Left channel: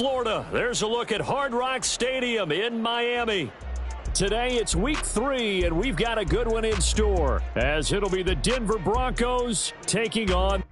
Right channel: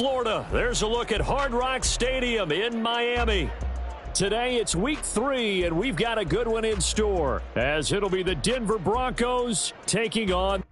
Florida. There's a look at Hard Rock Stadium in Miami. Today it's week 3, and we've got a good one in store, as it'll be the Denver Broncos taking on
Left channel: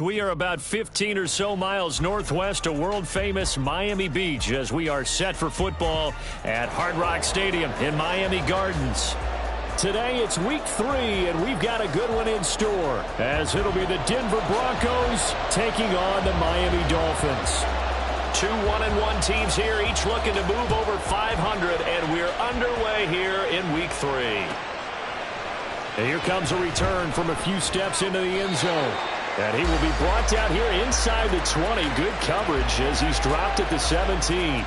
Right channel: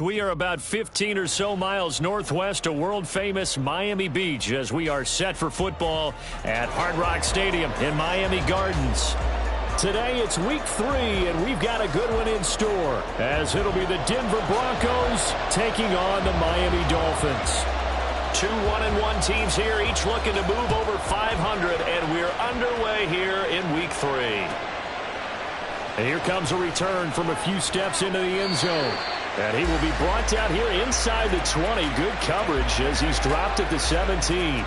We are about 15 or so miles northwest of world-famous Miami Beach as we are set for football at Hard Rock Stadium in Miami Gardens. Today it's week 3, and we've got a good one in store, as it'll be the Denver Broncos taking on the Miami Dolphins. 2 1-1 teams here, each looking to move over 500, and we're underway here in week 3. And here comes a return from a few steps into the end zone. And he will be brought down here inside the 20. Good coverage as he's dropped at the 17.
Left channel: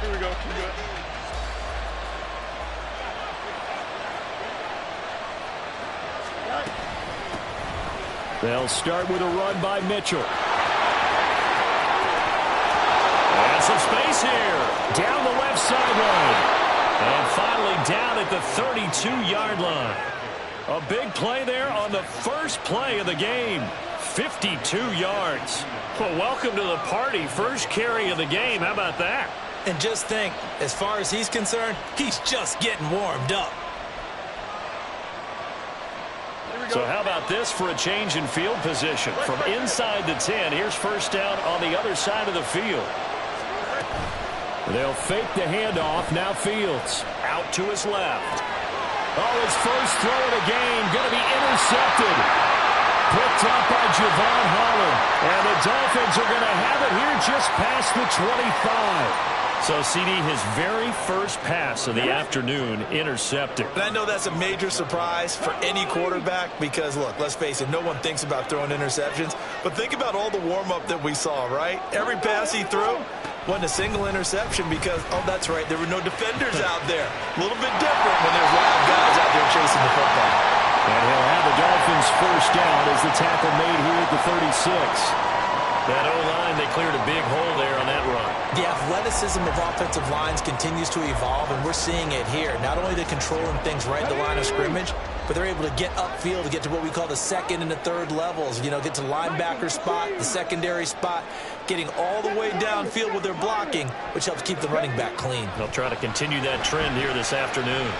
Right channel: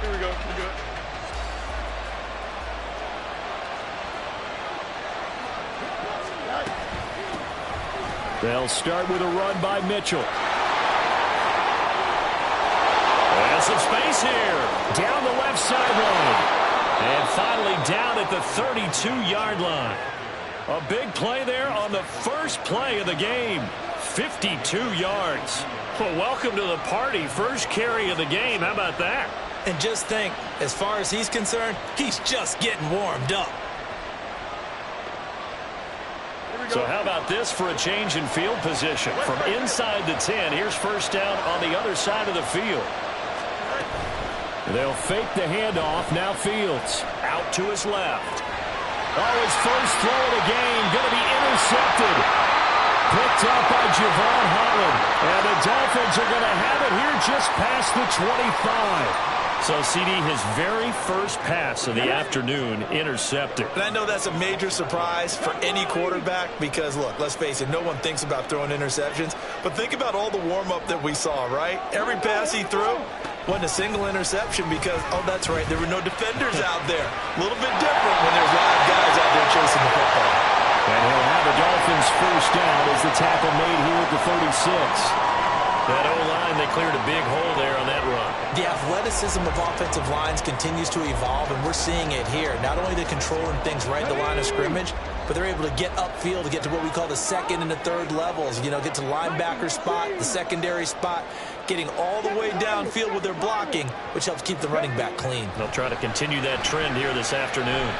Here we go. We're good. They'll start with a run by Mitchell. And some space here. Down the left sideline. And finally down at the 32-yard line. A big play there on the first play of the game. 52 yards. Well, welcome to the party. First carry of the game. How about that? And just think, as far as he's concerned, he's just getting warmed up. So how about this for a change in field position? From inside the 10, here's first down on the other side of the field. They'll fake the handoff. Now Fields out to his left. Oh, his first throw of the game going to be intercepted. Picked up by Javon Holland. And the Dolphins are going to have it here just past the 25. So, CD, his very first pass of the afternoon intercepted. And I know that's a major surprise for any quarterback because, look, let's face it, no one thinks about throwing interceptions. But think about all the warm-up that we saw, right? Every pass he threw wasn't a single interception because, oh, that's right, there were no defenders out there. A little bit different when there's live guys out there chasing the football. And he'll have the Dolphins first down as the tackle made here at the 36. That O-line, they cleared a big hole there on that run. The athleticism of offensive lines continues to evolve, and we're seeing it here. Not only are they controlling things right at the line of scrimmage, but they're able to get upfield to get to what we call the second and the third levels. You know, get to linebacker spot, the secondary spot, getting all the way downfield with their blocking, which helps keep the running back clean. They'll try to continue that trend here this afternoon.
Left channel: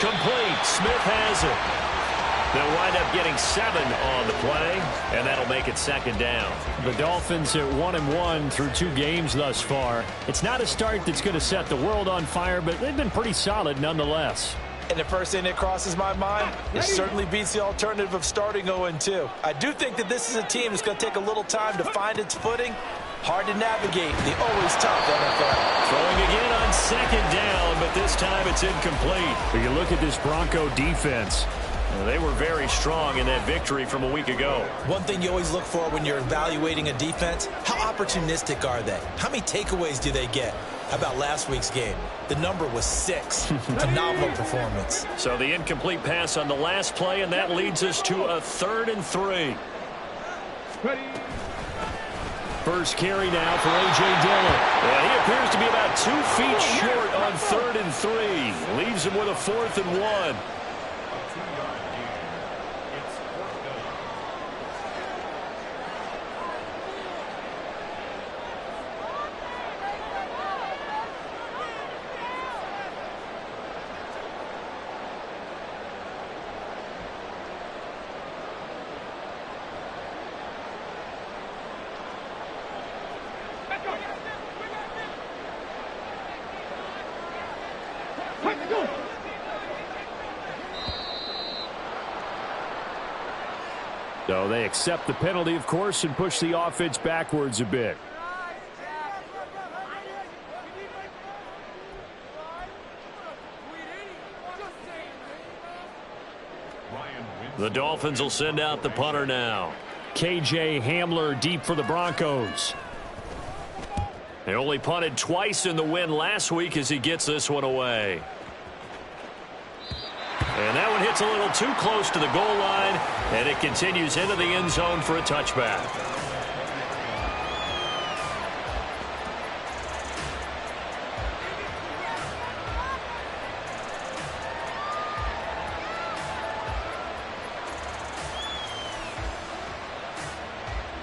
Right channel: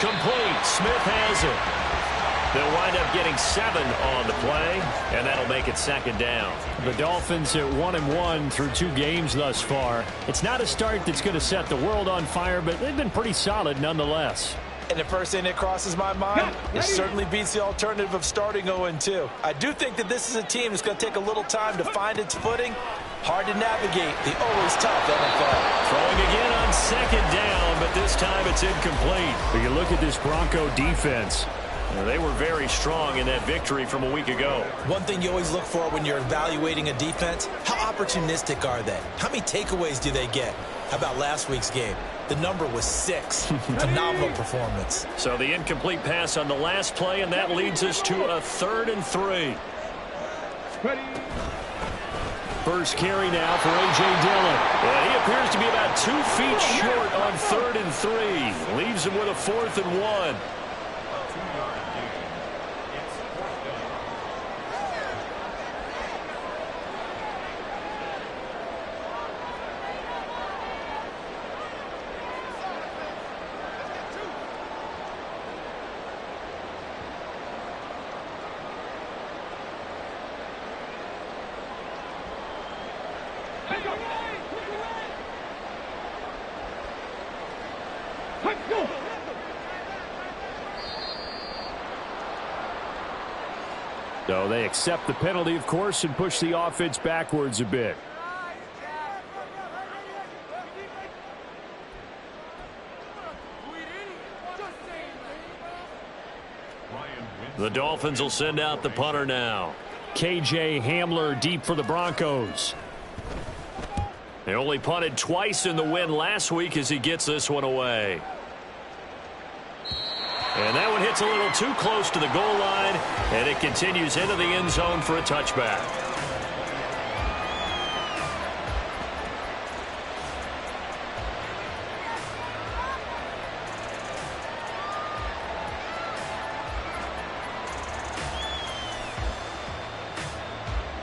Complete. Smith has it. They'll wind up getting 7 on the play, and that'll make it second down. The Dolphins at 1-1 through 2 games thus far. It's not a start that's going to set the world on fire, but they've been pretty solid nonetheless. And the first thing that crosses my mind, it certainly beats the alternative of starting 0-2. I do think that this is a team that's going to take a little time to find its footing. Hard to navigate the always tough NFL. Throwing again on second down, but this time it's incomplete. But you look at this Bronco defense. They were very strong in that victory from a week ago. One thing you always look for when you're evaluating a defense, how opportunistic are they? How many takeaways do they get? How about last week's game? The number was 6. Phenomenal performance. So the incomplete pass on the last play, and that leads us to a 3rd and 3. Ready. First carry now for A.J. Dillon. And he appears to be about 2 feet short on 3rd and 3. Leaves him with a 4th and 1. A 2-yard gain. It's 4th down. So they accept the penalty, of course, and push the offense backwards a bit. The Dolphins will send out the punter now. K.J. Hamler deep for the Broncos. They only punted twice in the win last week as he gets this one away. And that one hits a little too close to the goal line, and it continues into the end zone for a touchback.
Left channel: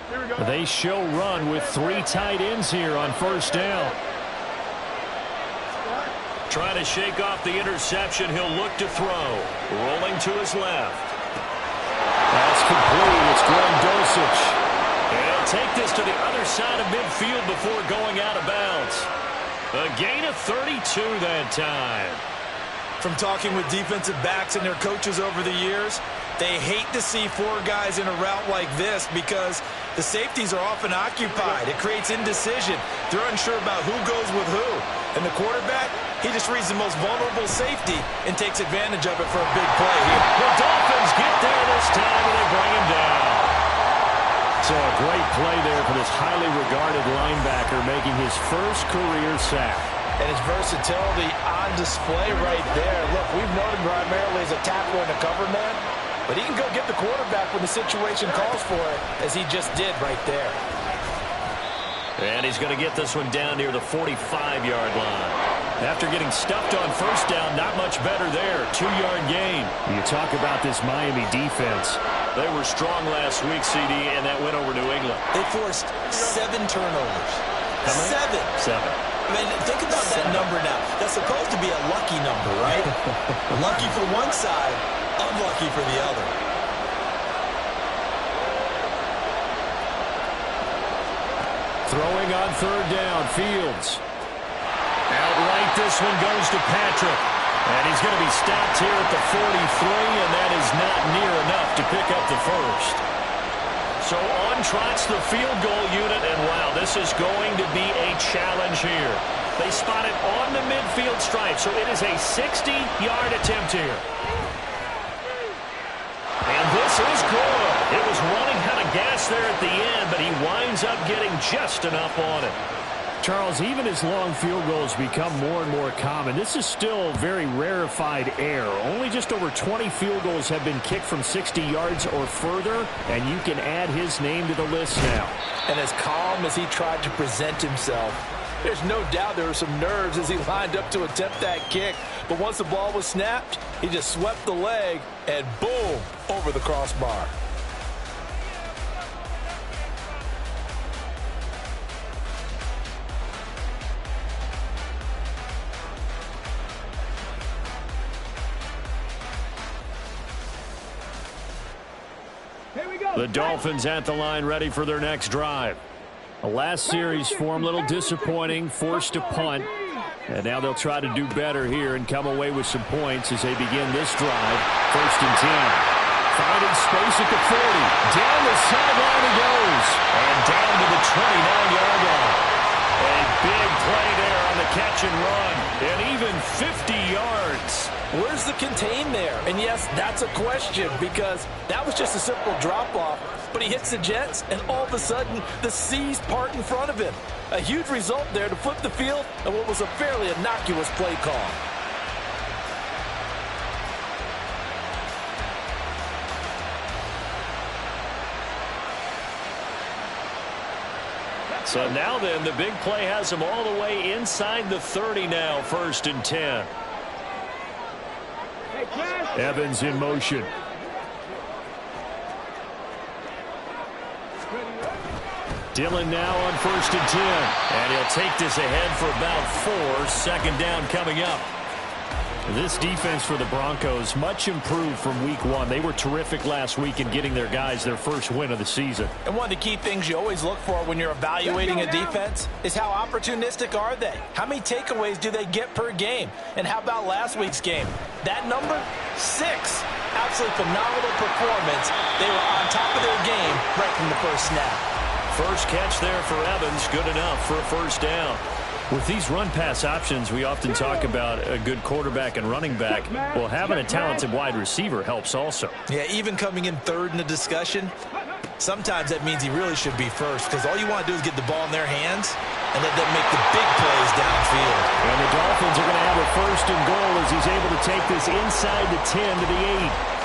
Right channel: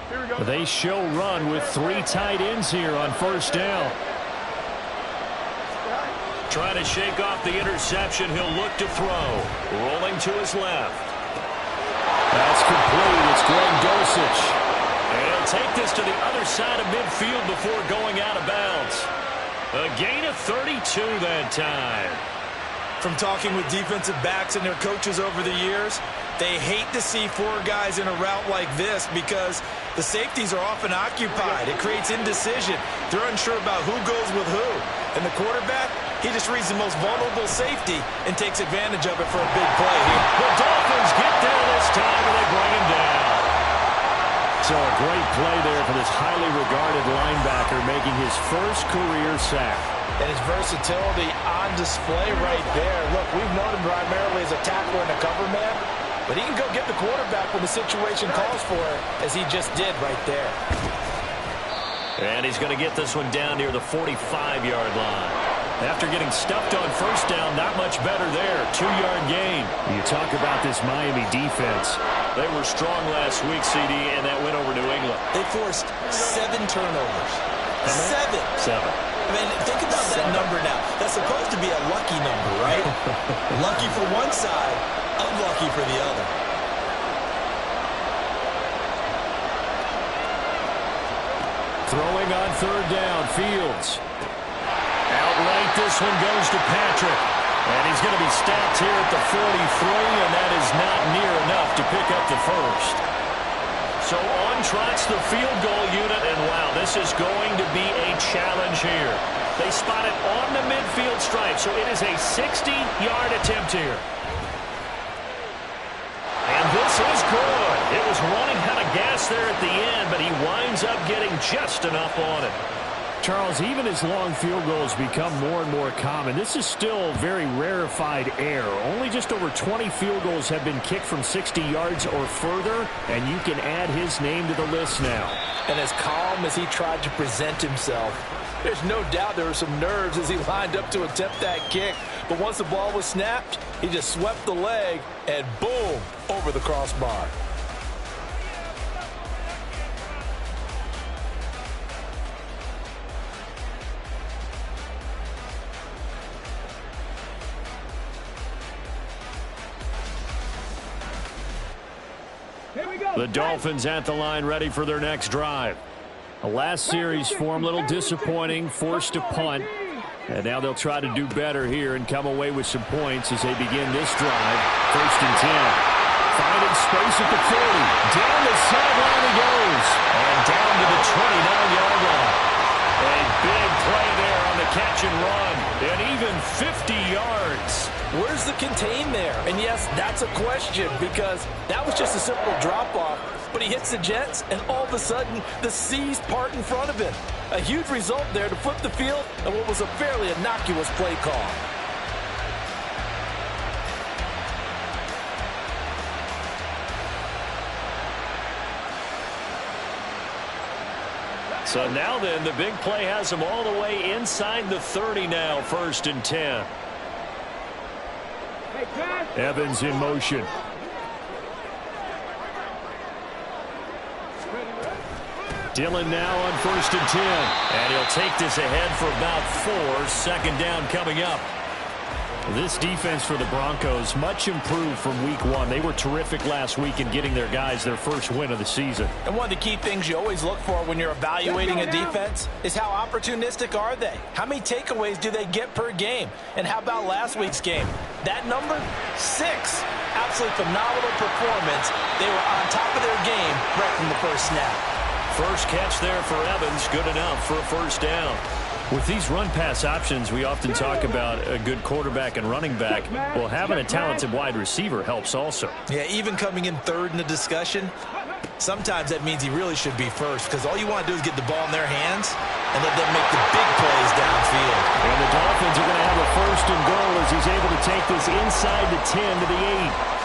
Here we go. They show run with 3 tight ends here on first down. Trying to shake off the interception. He'll look to throw. Rolling to his left. That's complete. It's Greg Dulcich. And he'll take this to the other side of midfield before going out of bounds. A gain of 32 that time. From talking with defensive backs and their coaches over the years, they hate to see 4 guys in a route like this because the safeties are often occupied. It creates indecision. They're unsure about who goes with who. And the quarterback, he just reads the most vulnerable safety and takes advantage of it for a big play here. The Dolphins get there this time, and they bring him down. So a great play there for this highly regarded linebacker making his first career sack. And his versatility on display right there. Look, we've known him primarily as a tackler and a cover man, but he can go get the quarterback when the situation calls for it, as he just did right there. And he's going to get this one down near the 45-yard line. After getting stuffed on first down, not much better there. 2-yard gain. You talk about this Miami defense. They were strong last week, CD, and that went over New England. They forced 7 turnovers. How many? 7. I mean, think about that number now. That's supposed to be a lucky number, right? Lucky for one side, unlucky for the other. Throwing on third down, Fields. Outright, this one goes to Patrick. And he's going to be stopped here at the 43, and that is not near enough to pick up the first. So on trots the field goal unit, and wow, this is going to be a challenge here. They spot it on the midfield stripe, so it is a 60-yard attempt here. And this is good. It was running out of gas there at the end, but he winds up getting just enough on it. Charles, even as long field goals become more and more common, this is still very rarefied air. Only just over 20 field goals have been kicked from 60 yards or further, and you can add his name to the list now. And as calm as he tried to present himself, there's no doubt there were some nerves as he lined up to attempt that kick. But once the ball was snapped, he just swept the leg and boom, over the crossbar. The Dolphins at the line, ready for their next drive. The last series for them, a little disappointing, forced to punt. And now they'll try to do better here and come away with some points as they begin this drive. 1st and 10. Finding space at the 40. Down the sideline he goes. And down to the 29-yard line. A Big play there on the catch and run, and even 50 yards. Where's the contain there? And yes, that's a question because that was just a simple drop-off, but he hits the Jets, and all of a sudden, the seas part in front of him. A huge result there to flip the field and what was a fairly innocuous play call. So now then, the big play has them all the way inside the 30 now, 1st and 10. Evans in motion. Dillon now on 1st and 10. And he'll take this ahead for about 4. 2nd down coming up. This defense for the Broncos, much improved from week 1. They were terrific last week in getting their guys their first win of the season. And one of the key things you always look for when you're evaluating a defense is how opportunistic are they? How many takeaways do they get per game? And how about last week's game? That number? 6. Absolutely phenomenal performance. They were on top of their game right from the first snap. First catch there for Evans, good enough for a 1st down. With these run-pass options, we often talk about a good quarterback and running back. Well, having a talented wide receiver helps also. Yeah, even coming in 3rd in the discussion, sometimes that means he really should be first because all you want to do is get the ball in their hands and let them make the big plays downfield. And the Dolphins are going to have a 1st and goal as he's able to take this inside the 10 to the 8.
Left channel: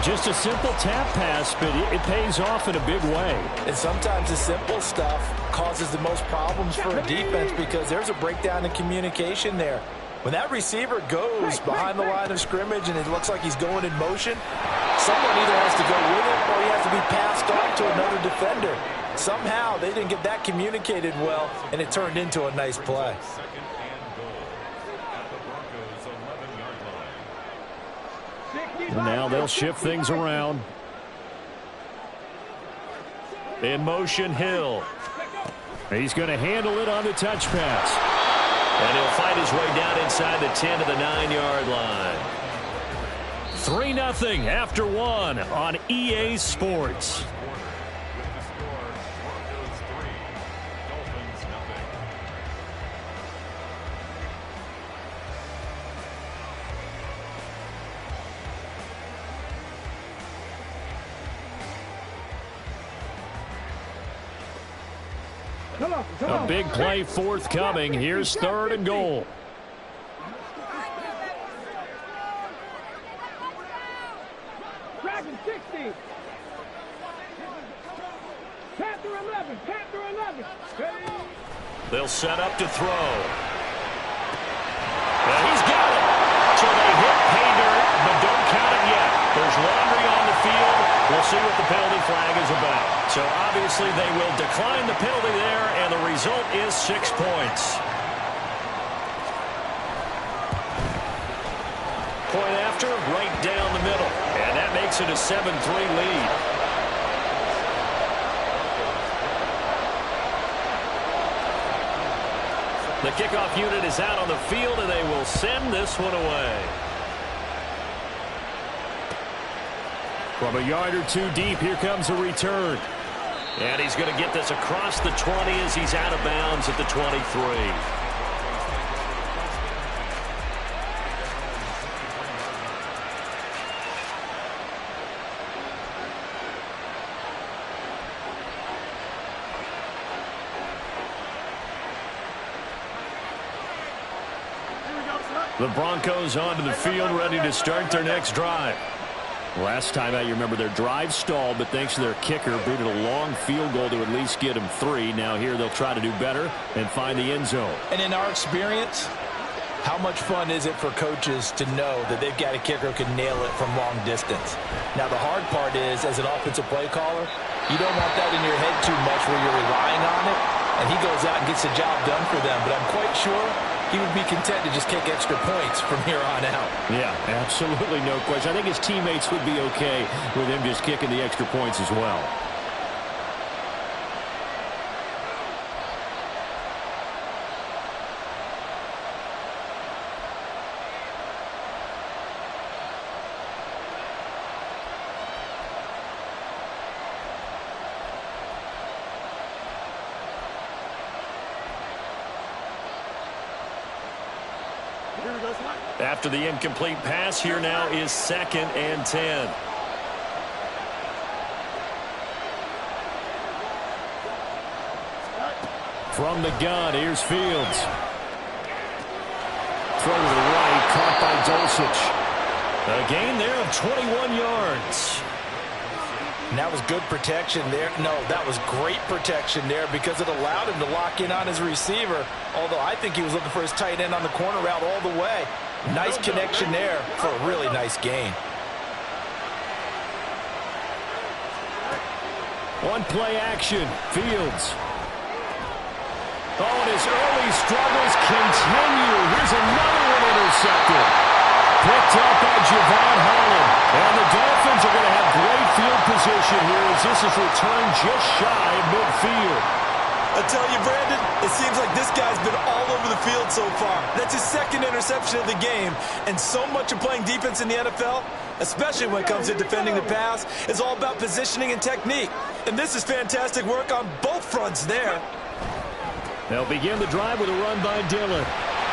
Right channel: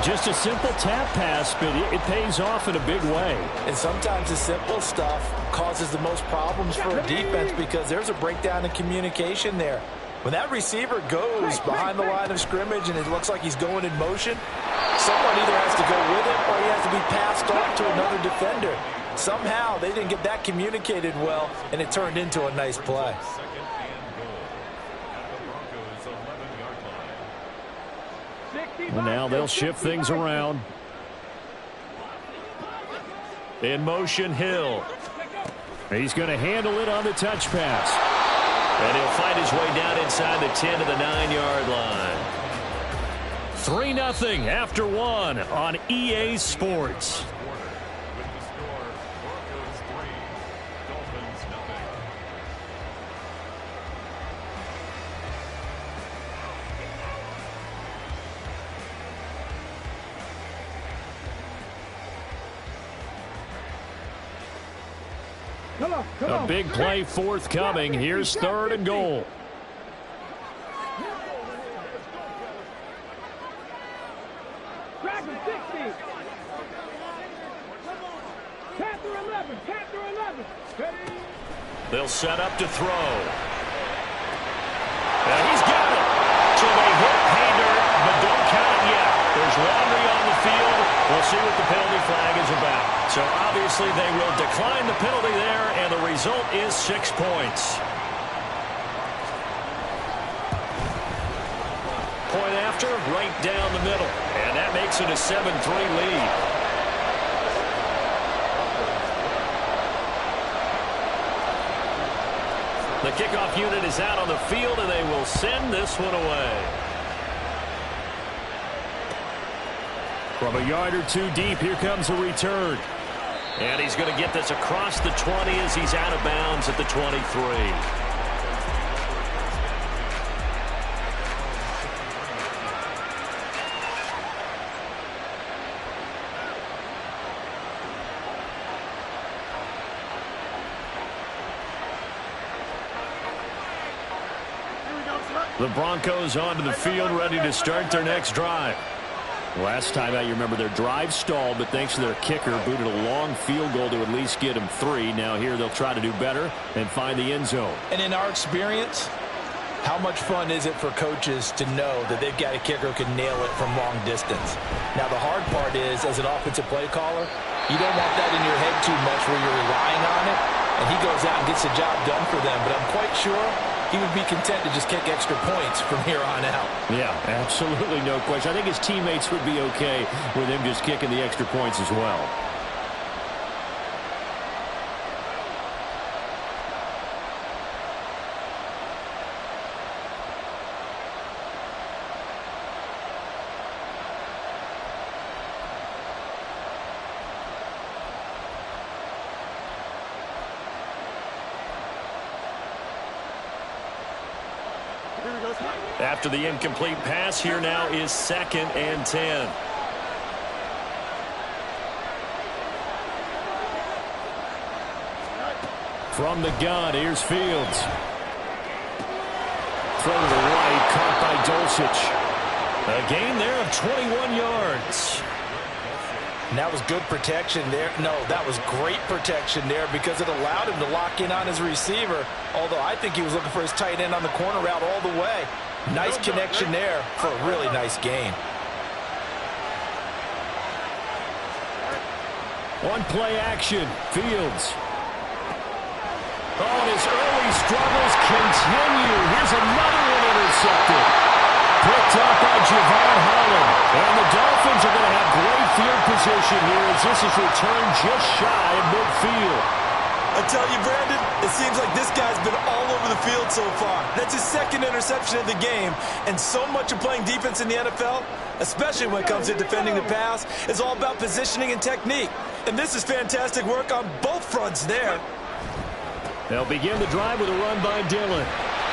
Just a simple tap pass, but it pays off in a big way. And sometimes the simple stuff causes the most problems for a defense because there's a breakdown in communication there. When that receiver goes behind the line of scrimmage and it looks like he's going in motion, someone either has to go with him or he has to be passed off to another defender. Somehow they didn't get that communicated well, and it turned into a nice play. Well, now they'll shift things around. In motion, Hill. He's going to handle it on the touch pass. And he'll fight his way down inside the 10 to the 9-yard line. 3-0 after 1 on EA Sports. With the score, Broncos 3, Dolphins 0. A big play forthcoming. Here's 3rd and goal. Dragon 60. Panther 11. Panther 11. Ready? They'll set up to throw. And he's got it. So they hit pay dirt, but don't count it yet. There's laundry on the field. We'll see what the penalty flag is about. So obviously they will decline the penalty there, and the result is 6 points. Point after, right down the middle. And that makes it a 7-3 lead. The kickoff unit is out on the field, and they will send this one away. From a yard or 2 deep, here comes a return. And he's going to get this across the 20 as he's out of bounds at the 23. The Broncos onto the field, ready to start their next drive. Last time out, you remember their drive stalled, but thanks to their kicker, booted a long field goal to at least get them 3. Now here they'll try to do better and find the end zone. And in our experience, how much fun is it for coaches to know that they've got a kicker who can nail it from long distance? Now the hard part is, as an offensive play caller, you don't want that in your head too much where you're relying on it, and he goes out and gets the job done for them. But I'm quite sure he would be content to just kick extra points from here on out. Yeah, absolutely no question. I think his teammates would be okay with him just kicking the extra points as well. After the incomplete pass, here now is 2nd and 10. From the gun, here's Fields. Throw to the right, caught by Dulcich. A gain there of 21 yards. And that was good protection there. No, that was great protection there because it allowed him to lock in on his receiver, although I think he was looking for his tight end on the corner route all the way. Nice connection there for a really nice gain. On play action, Fields. Oh, and his early struggles continue. Here's another one intercepted. Picked up by Javon Holland. And the Dolphins are going to have great field position here as this is returned just shy of midfield. I tell you, Brandon, it seems like this guy's been all over the field so far. That's his 2nd interception of the game. And so much of playing defense in the NFL, especially when it comes to defending the pass, is all about positioning and technique. And this is fantastic work on both fronts there. They'll begin the drive with a run by Dillon.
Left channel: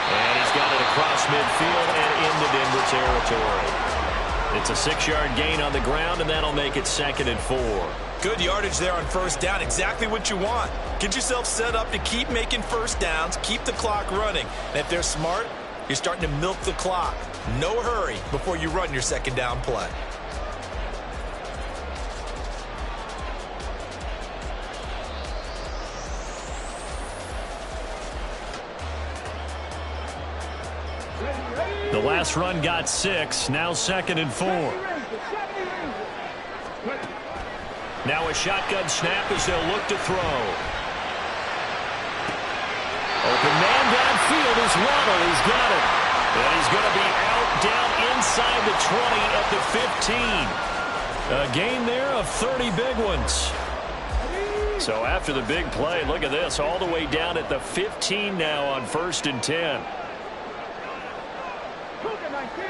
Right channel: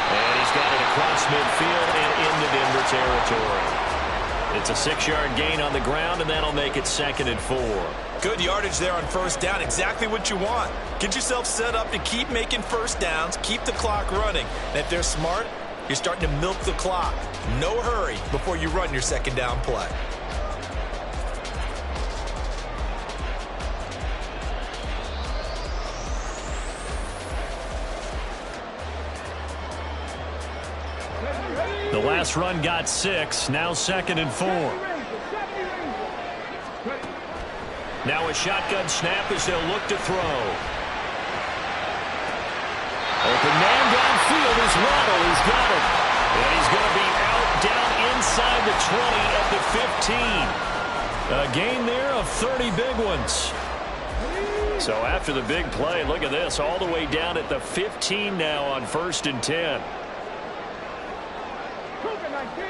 And he's got it across midfield and into Denver territory. It's a 6-yard gain on the ground, and that'll make it 2nd and 4. Good yardage there on first down. Exactly what you want. Get yourself set up to keep making first downs, keep the clock running. And if they're smart, you're starting to milk the clock. No hurry before you run your 2nd down play. The last run got 6, now 2nd and 4. Now a shotgun snap as they'll look to throw. Open man downfield is Waddle. He's got it. And he's going to be out down inside the 20 at the 15. A gain there of 30 big ones. So after the big play, look at this, all the way down at the 15 now on 1st and 10. 19.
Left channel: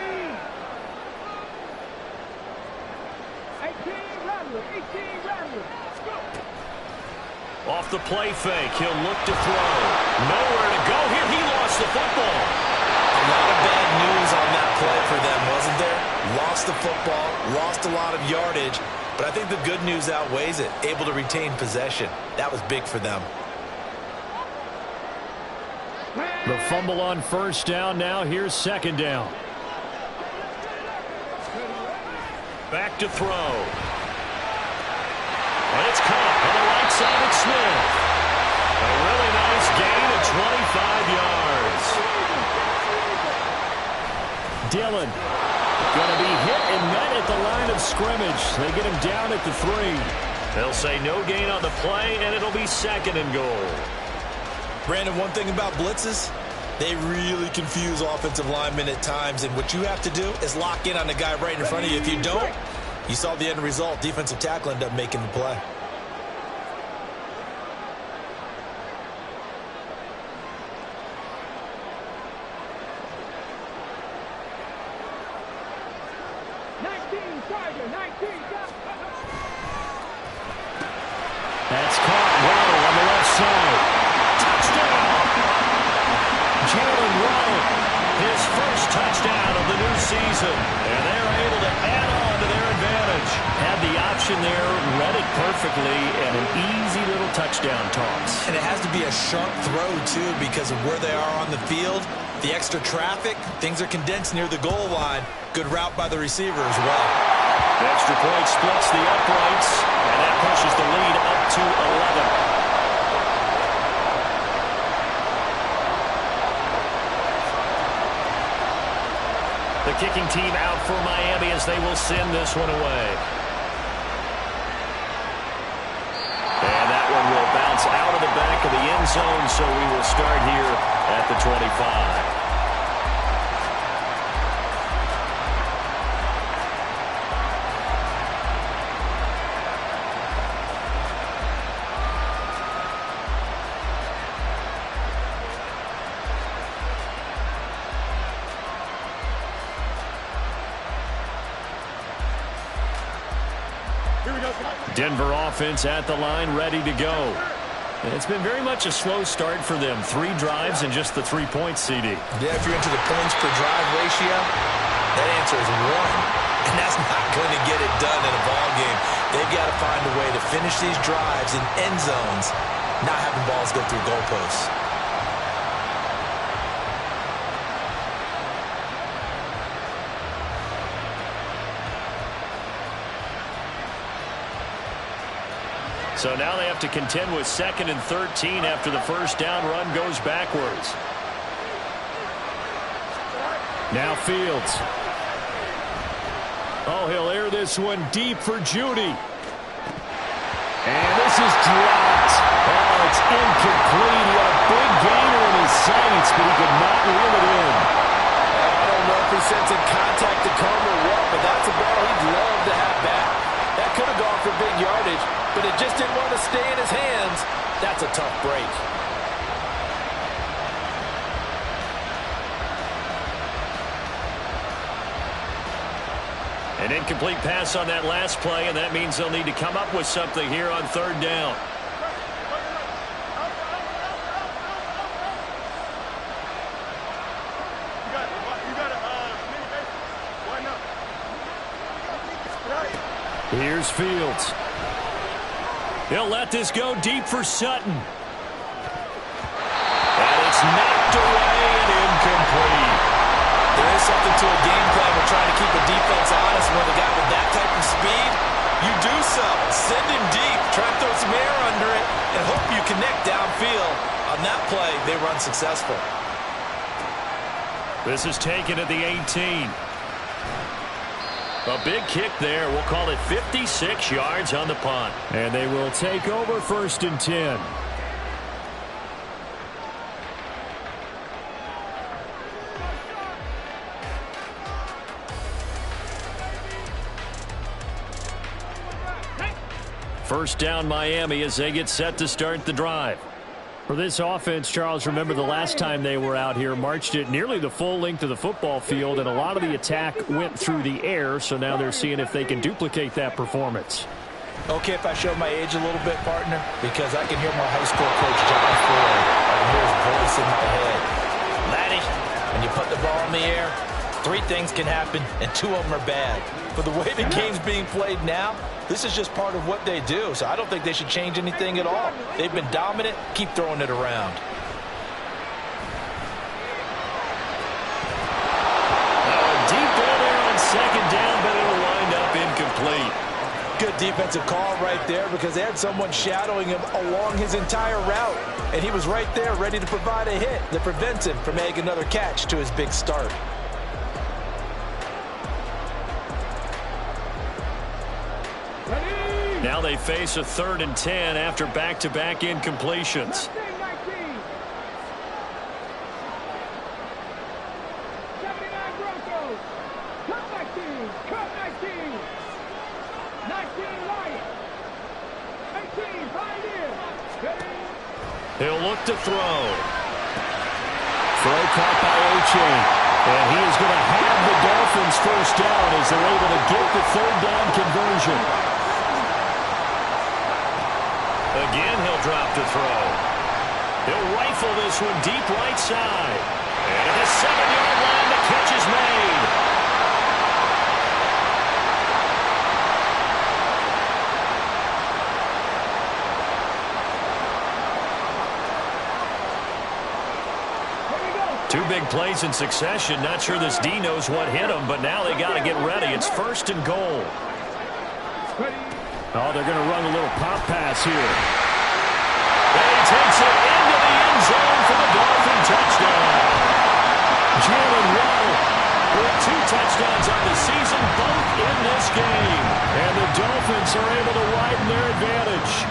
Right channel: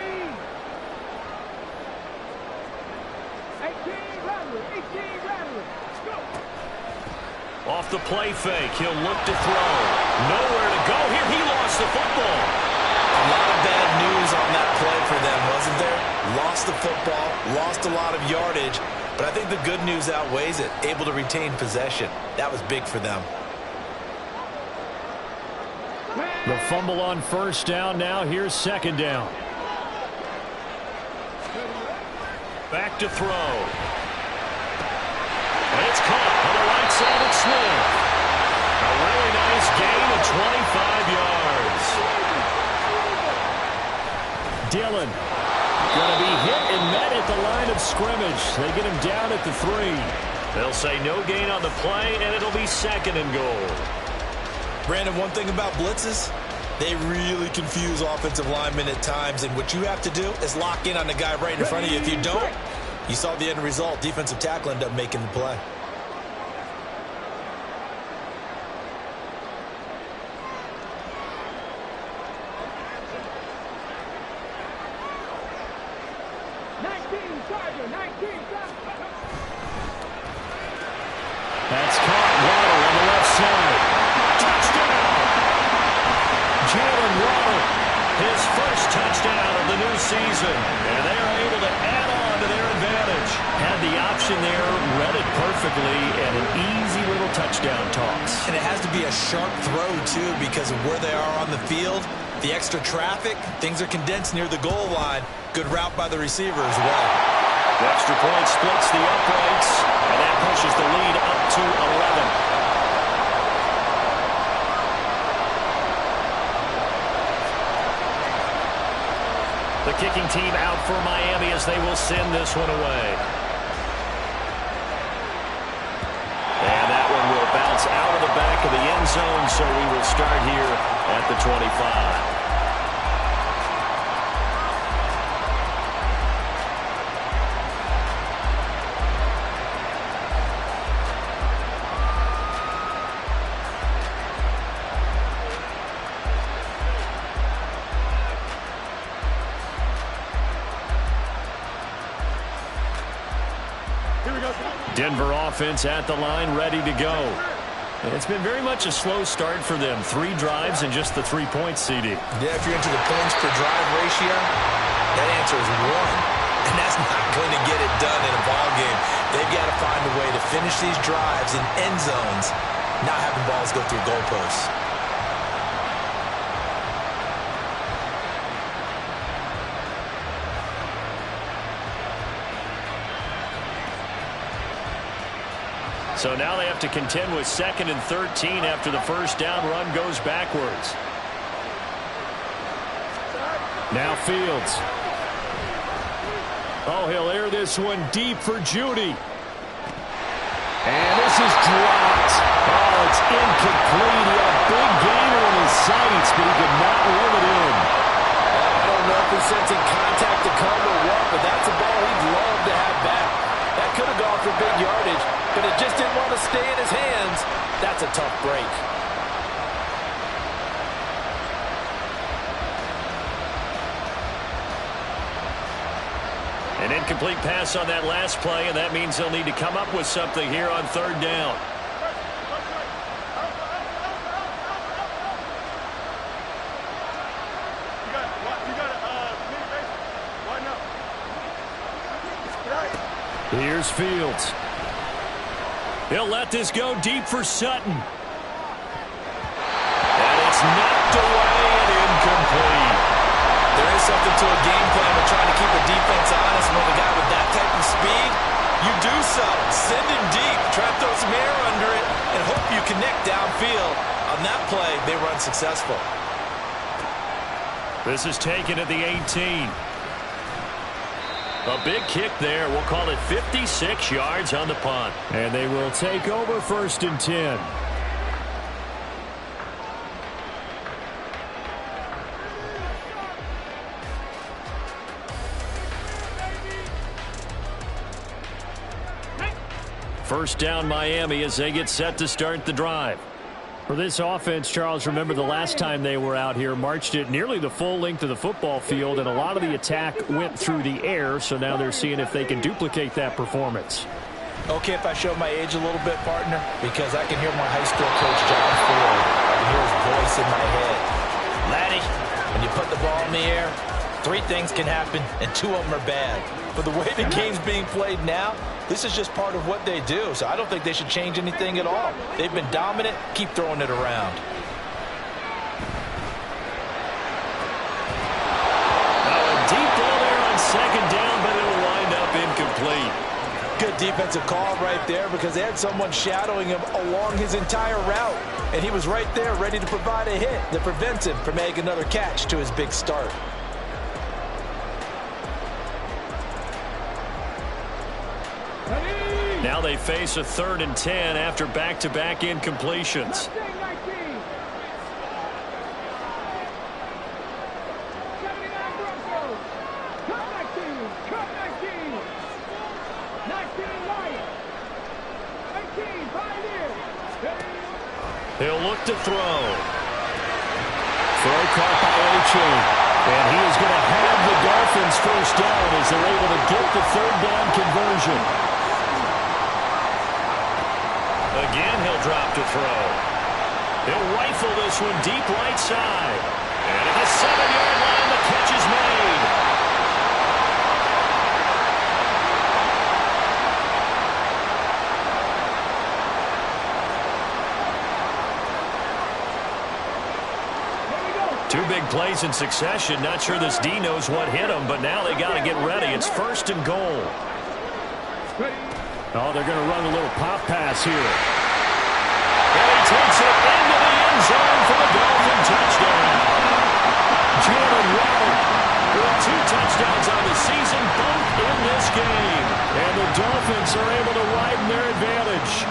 18 Rattler. 18 Rattler. Let's go. Off the play fake, he'll look to throw. Nowhere to go here. He lost the football. A lot of bad news on that play for them, wasn't there? Lost the football, lost a lot of yardage, but I think the good news outweighs it. Able to retain possession. That was big for them. The fumble on first down. Now here's 2nd down. Back to throw. And it's caught on the right side of Smith. A really nice gain of 25 yards. Dillon going to be hit and met at the line of scrimmage. They get him down at the 3. They'll say no gain on the play, and it'll be 2nd and goal. Brandon, one thing about blitzes, they really confuse offensive linemen at times, and what you have to do is lock in on the guy right in front of you. If you don't, you saw the end result. Defensive tackle ended up making the play. That's caught. Waddle on the left side. Touchdown! Jalen Waddle, his first touchdown of the new season. And they are able to add on to their advantage. Had the option there, read it perfectly, and an easy little touchdown toss. And it has to be a sharp throw, too, because of where they are on the field. The extra traffic, things are condensed near the goal line. Good route by the receiver as well. The extra point splits the uprights, and that pushes the lead up to 11. The kicking team out for Miami as they will send this one away. And that one will bounce out of the back of the end zone, so we will start here at the 25. Denver offense at the line, ready to go. It's been very much a slow start for them. 3 drives and just the 3 points, CD. Yeah, if you're into the points per drive ratio, that answer is 1. And that's not going to get it done in a ball game. They've got to find a way to finish these drives in end zones, not having balls go through goalposts. So now they have to contend with 2nd and 13 after the first down run goes backwards. Now Fields. Oh, he'll air this one deep for Judy. And this is dropped. Oh, it's incomplete. He had a big gainer in his sights, but he could not reel it in. I don't know if he's sensing contact to come or what, but that's a ball he'd love to have back. That could have gone for big yardage, but it just didn't want to stay in his hands. That's a tough break. An incomplete pass on that last play, and that means they'll need to come up with something here on 3rd down. Here's Fields. He'll let this go deep for Sutton. And it's knocked away and incomplete. There is something to a game plan with trying to keep a defense honest. When the guy with that type of speed, you do so. Send him deep. Try to throw some air under it and hope you connect downfield. On that play, they run successful. This is taken at the 18. A big kick there. We'll call it 56 yards on the punt. And they will take over 1st and 10. First down Miami as they get set to start the drive. For this offense, Charles, remember the last time they were out here, marched it nearly the full length of the football field, and a lot of the attack went through the air, so now they're seeing if they can duplicate that performance. Okay, if I show my age a little bit, partner, because I can hear my high school coach, John Ford. I can hear his voice in my head. Laddie, when you put the ball in the air, 3 things can happen, and 2 of them are bad. But the way the game's being played now, this is just part of what they do, so I don't think they should change anything at all. They've been dominant. Keep throwing it around. Now a deep ball there on 2nd down, but it'll wind up incomplete. Good defensive call right there because they had someone shadowing him along his entire route, and he was right there ready to provide a hit that prevents him from making another catch to his big start. Now they face a 3rd and 10 after back-to-back incompletions. 79 Broncos. Cut 19. Cut 19. 19 Lions. 18 Pioneers. He'll look to throw. Throw caught by A-Chain. And he is going to have the Dolphins first down as they're able to get the 3rd down conversion. Again, he'll drop to throw. He'll rifle this one deep right side. And at the 7-yard line, the catch is made. Two big plays in succession. Not sure this D knows what hit him, but now they got to get ready. It's 1st and goal. Oh, they're going to run a little pop pass here. And he takes it into the end zone for the Dolphin touchdown. Jalen Waddle with 2 touchdowns on the season, both in this game. And the Dolphins are able to widen their advantage.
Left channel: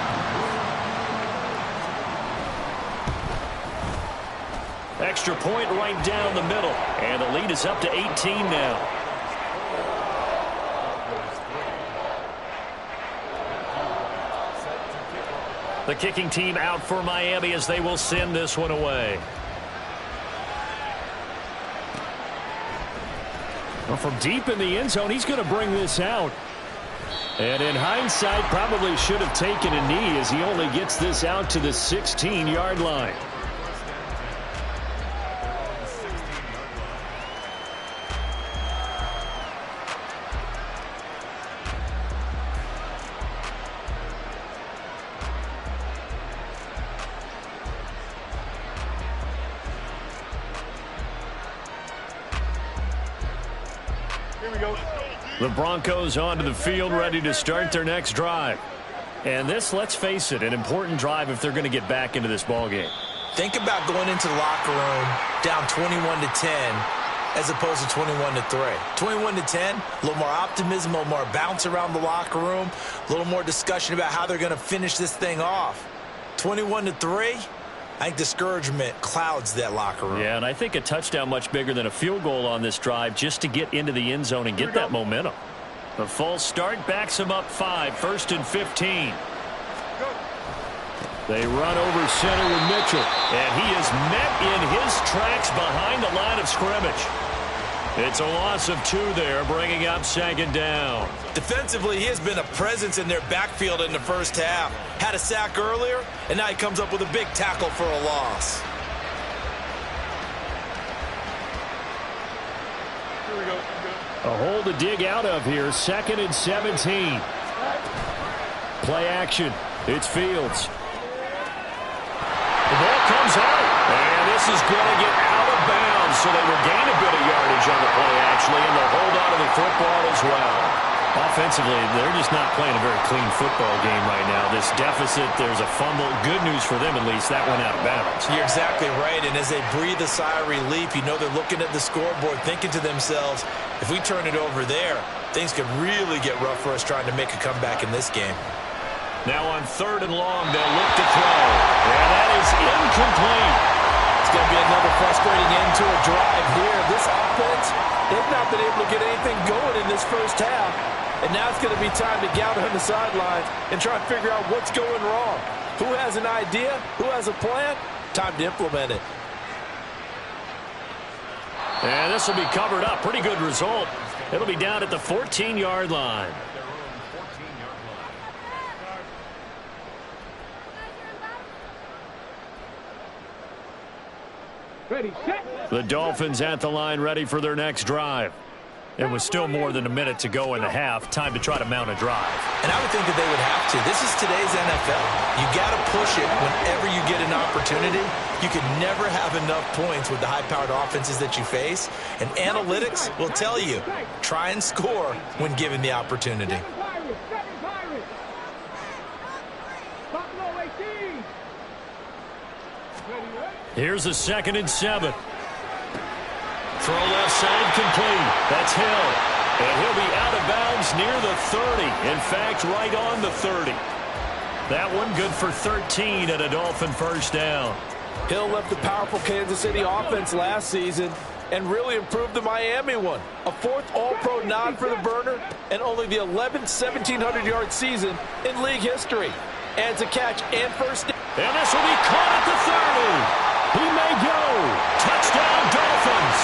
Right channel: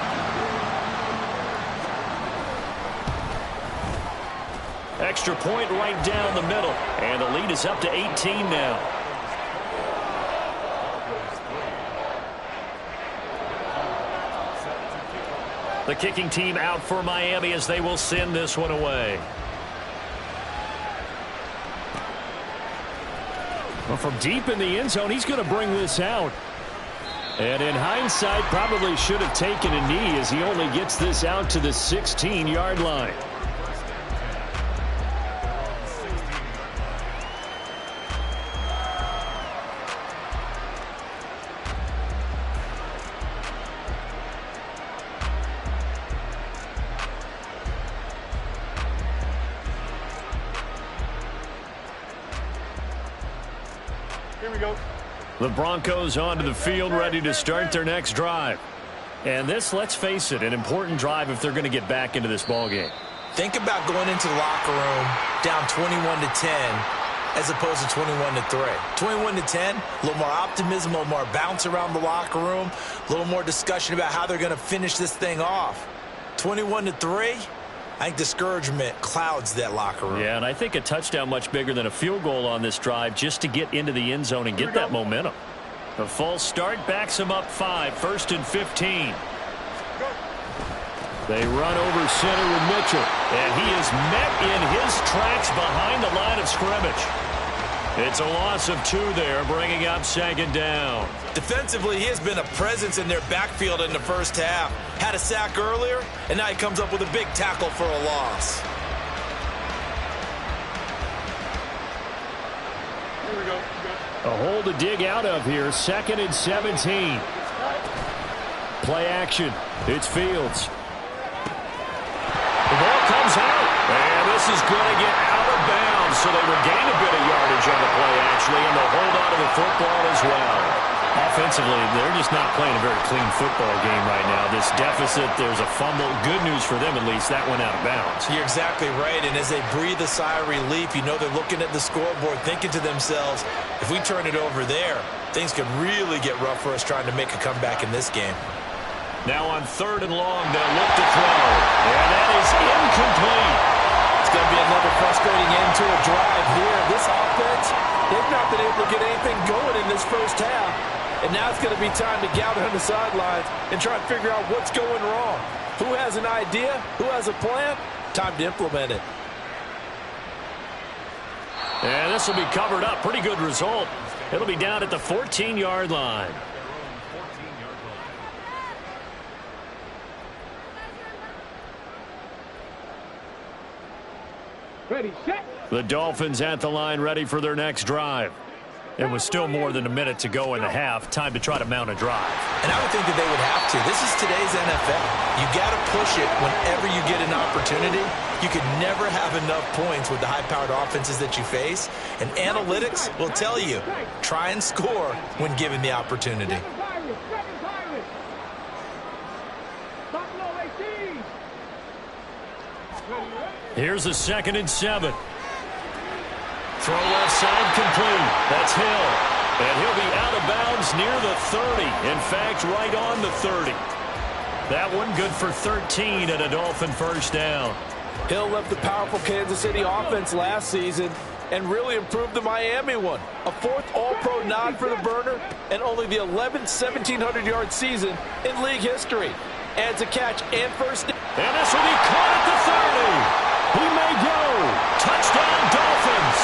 Extra point right down the middle. And the lead is up to 18 now. The kicking team out for Miami as they will send this one away. Well, from deep in the end zone, he's going to bring this out. And in hindsight, probably should have taken a knee as he only gets this out to the 16-yard line. First and 10 at their own 16-yard line. Here we go. The Broncos onto the field, ready to start their next drive. And this, let's face it, an important drive if they're going to get back into this ballgame. Think about going into the locker room down 21-10 as opposed to 21-3. 21-10, a little more optimism, a little more bounce around the locker room, a little more discussion about how they're going to finish this thing off. 21-3, I think discouragement clouds that locker room. Yeah, and I think a touchdown much bigger than a field goal on this drive just to get into the end zone and get that momentum. The false start backs him up 5, 1st and 15. They run over center with Mitchell, and he is met in his tracks behind the line of scrimmage. It's a loss of 2 there, bringing up 2nd down. Defensively, he has been a presence in their backfield in the first half. Had a sack earlier, and now he comes up with a big tackle for a loss. Here we go. A hole to dig out of here, 2nd and 17. Play action. It's Fields. The ball comes out, and this is going to get out of bounds, so they regain a bit of yardage on the play, actually, and they'll hold on to the football as well. Offensively, they're just not playing a very clean football game right now. This deficit, there's a fumble. Good news for them, at least. That went out of bounds. You're exactly right, and as they breathe a sigh of relief, you know they're looking at the scoreboard, thinking to themselves, if we turn it over there, things could really get rough for us trying to make a comeback in this game. Now on 3rd and long, they'll look to throw. And that is incomplete. It's going to be another frustrating end to a drive here. This offense, they've not been able to get anything going in this first half. And now it's going to be time to gather on the sidelines and try and figure out what's going wrong. Who has an idea? Who has a plan? Time to implement it. And this will be covered up. Pretty good result. It'll be down at the 14-yard line. At their own 14-yard line. Ready, set. The Dolphins at the line, ready for their next drive. It was still more than a minute to go in the half. Time to try to mount a drive. And I would think that they would have to. This is today's NFL. You got to push it whenever you get an opportunity. You can never have enough points with the high-powered offenses that you face. And analytics will tell you, try and score when given the opportunity. Seven Pirates. Buffalo 18. Ready, ready. Here's a 2nd and 7. Throw left side complete. That's Hill. And he'll be out of bounds near the 30. In fact, right on the 30. That one good for 13 at a Dolphin first down. Hill left the powerful Kansas City offense last season and really improved the Miami one. A 4th All-Pro nod for the burner and only the 11th 1,700-yard season in league history. Adds a catch and first down. And this will be caught at the 30. He may go. Touchdown, Dolphins.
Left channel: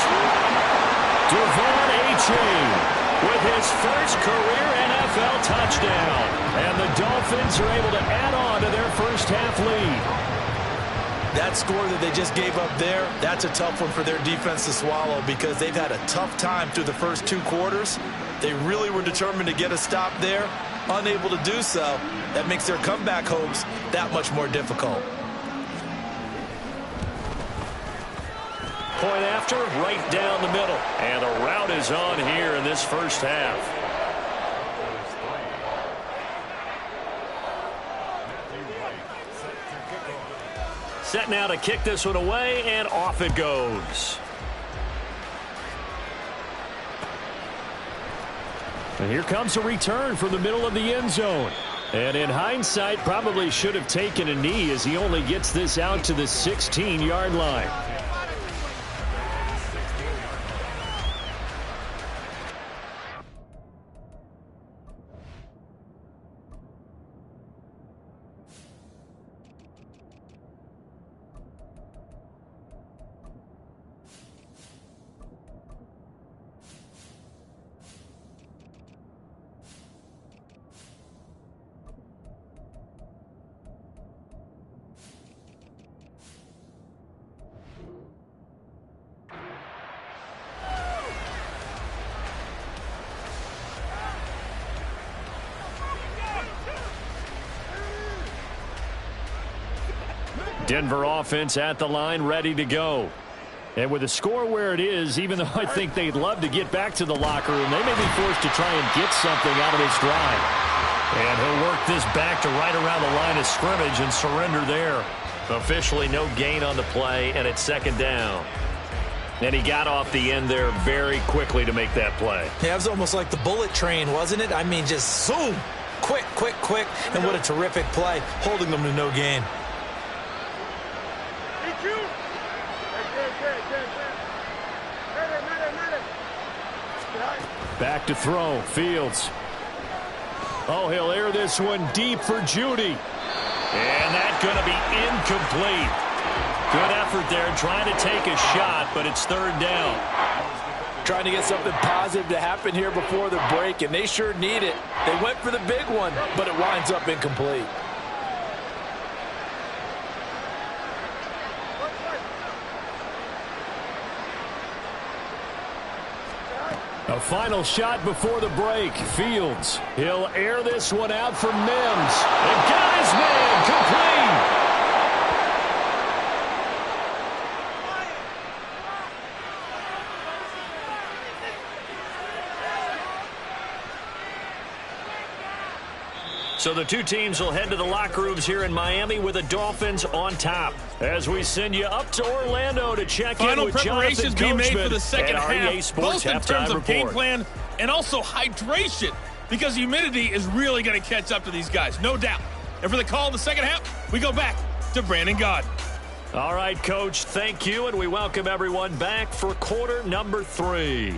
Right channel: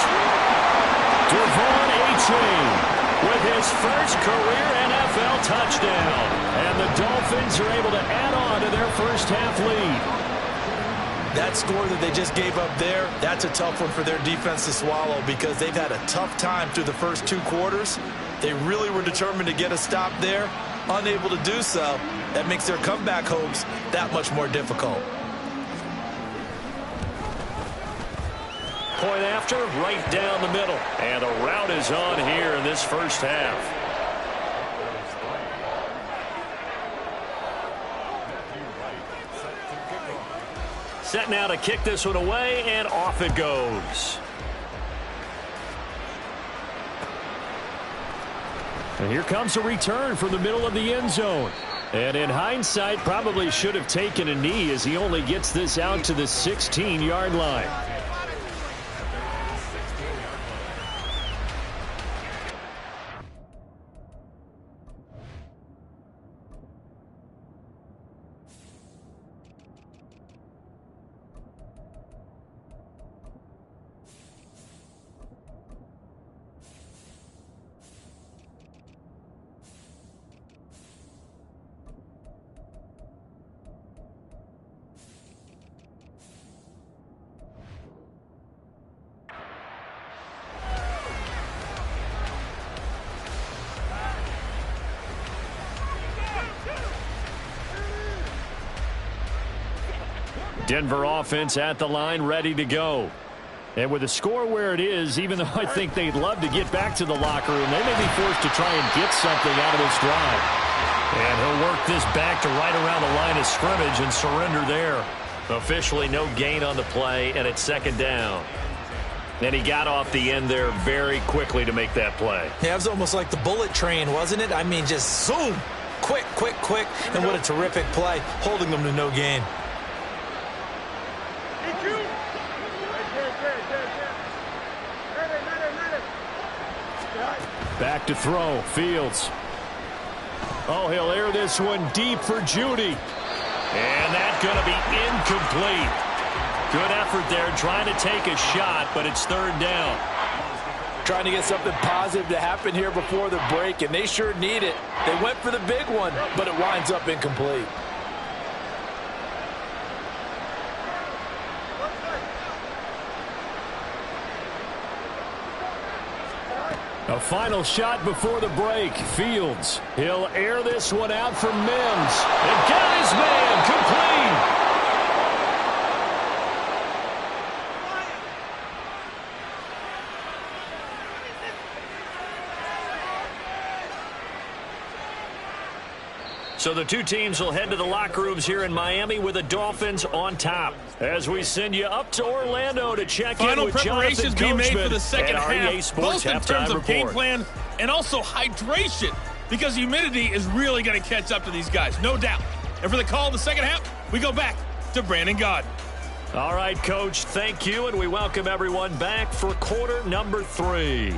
Devon Achane with his first career NFL touchdown. And the Dolphins are able to add on to their first half lead. That score that they just gave up there, that's a tough one for their defense to swallow because they've had a tough time through the first 2 quarters. They really were determined to get a stop there, unable to do so. That makes their comeback hopes that much more difficult. Point after, right down the middle. And the route is on here in this first half. Set now to kick this one away, and off it goes. And here comes a return from the middle of the end zone. And in hindsight, probably should have taken a knee as he only gets this out to the 16-yard line. Denver offense at the line, ready to go. And with the score where it is, even though I think they'd love to get back to the locker room, they may be forced to try and get something out of this drive. And he'll work this back to right around the line of scrimmage and surrender there. Officially no gain on the play, and it's second down. And he got off the end there very quickly to make that play. Yeah, it was almost like the bullet train, wasn't it? I mean, just zoom. Quick, quick, quick. And what a terrific play, holding them to no gain. Back to throw. Fields. Oh, he'll air this one deep for Judy. And that's going to be incomplete. Good effort there, trying to take a shot, but it's third down. Trying to get something positive to happen here before the break, and they sure need it. They went for the big one, but it winds up incomplete. A final shot before the break. Fields. He'll air this one out for Mims. And got his man complete. So the two teams will head to the locker rooms here in Miami with the Dolphins on top. As we send you up to Orlando to check in with Jonathan preparations being made for the second half, both in terms of report. game plan and also hydration, because humidity is really going to catch up to these guys, no doubt. And for the call of the second half, we go back to Brandon Gaudin. All right, Coach, thank you, and we welcome everyone back for quarter number 3.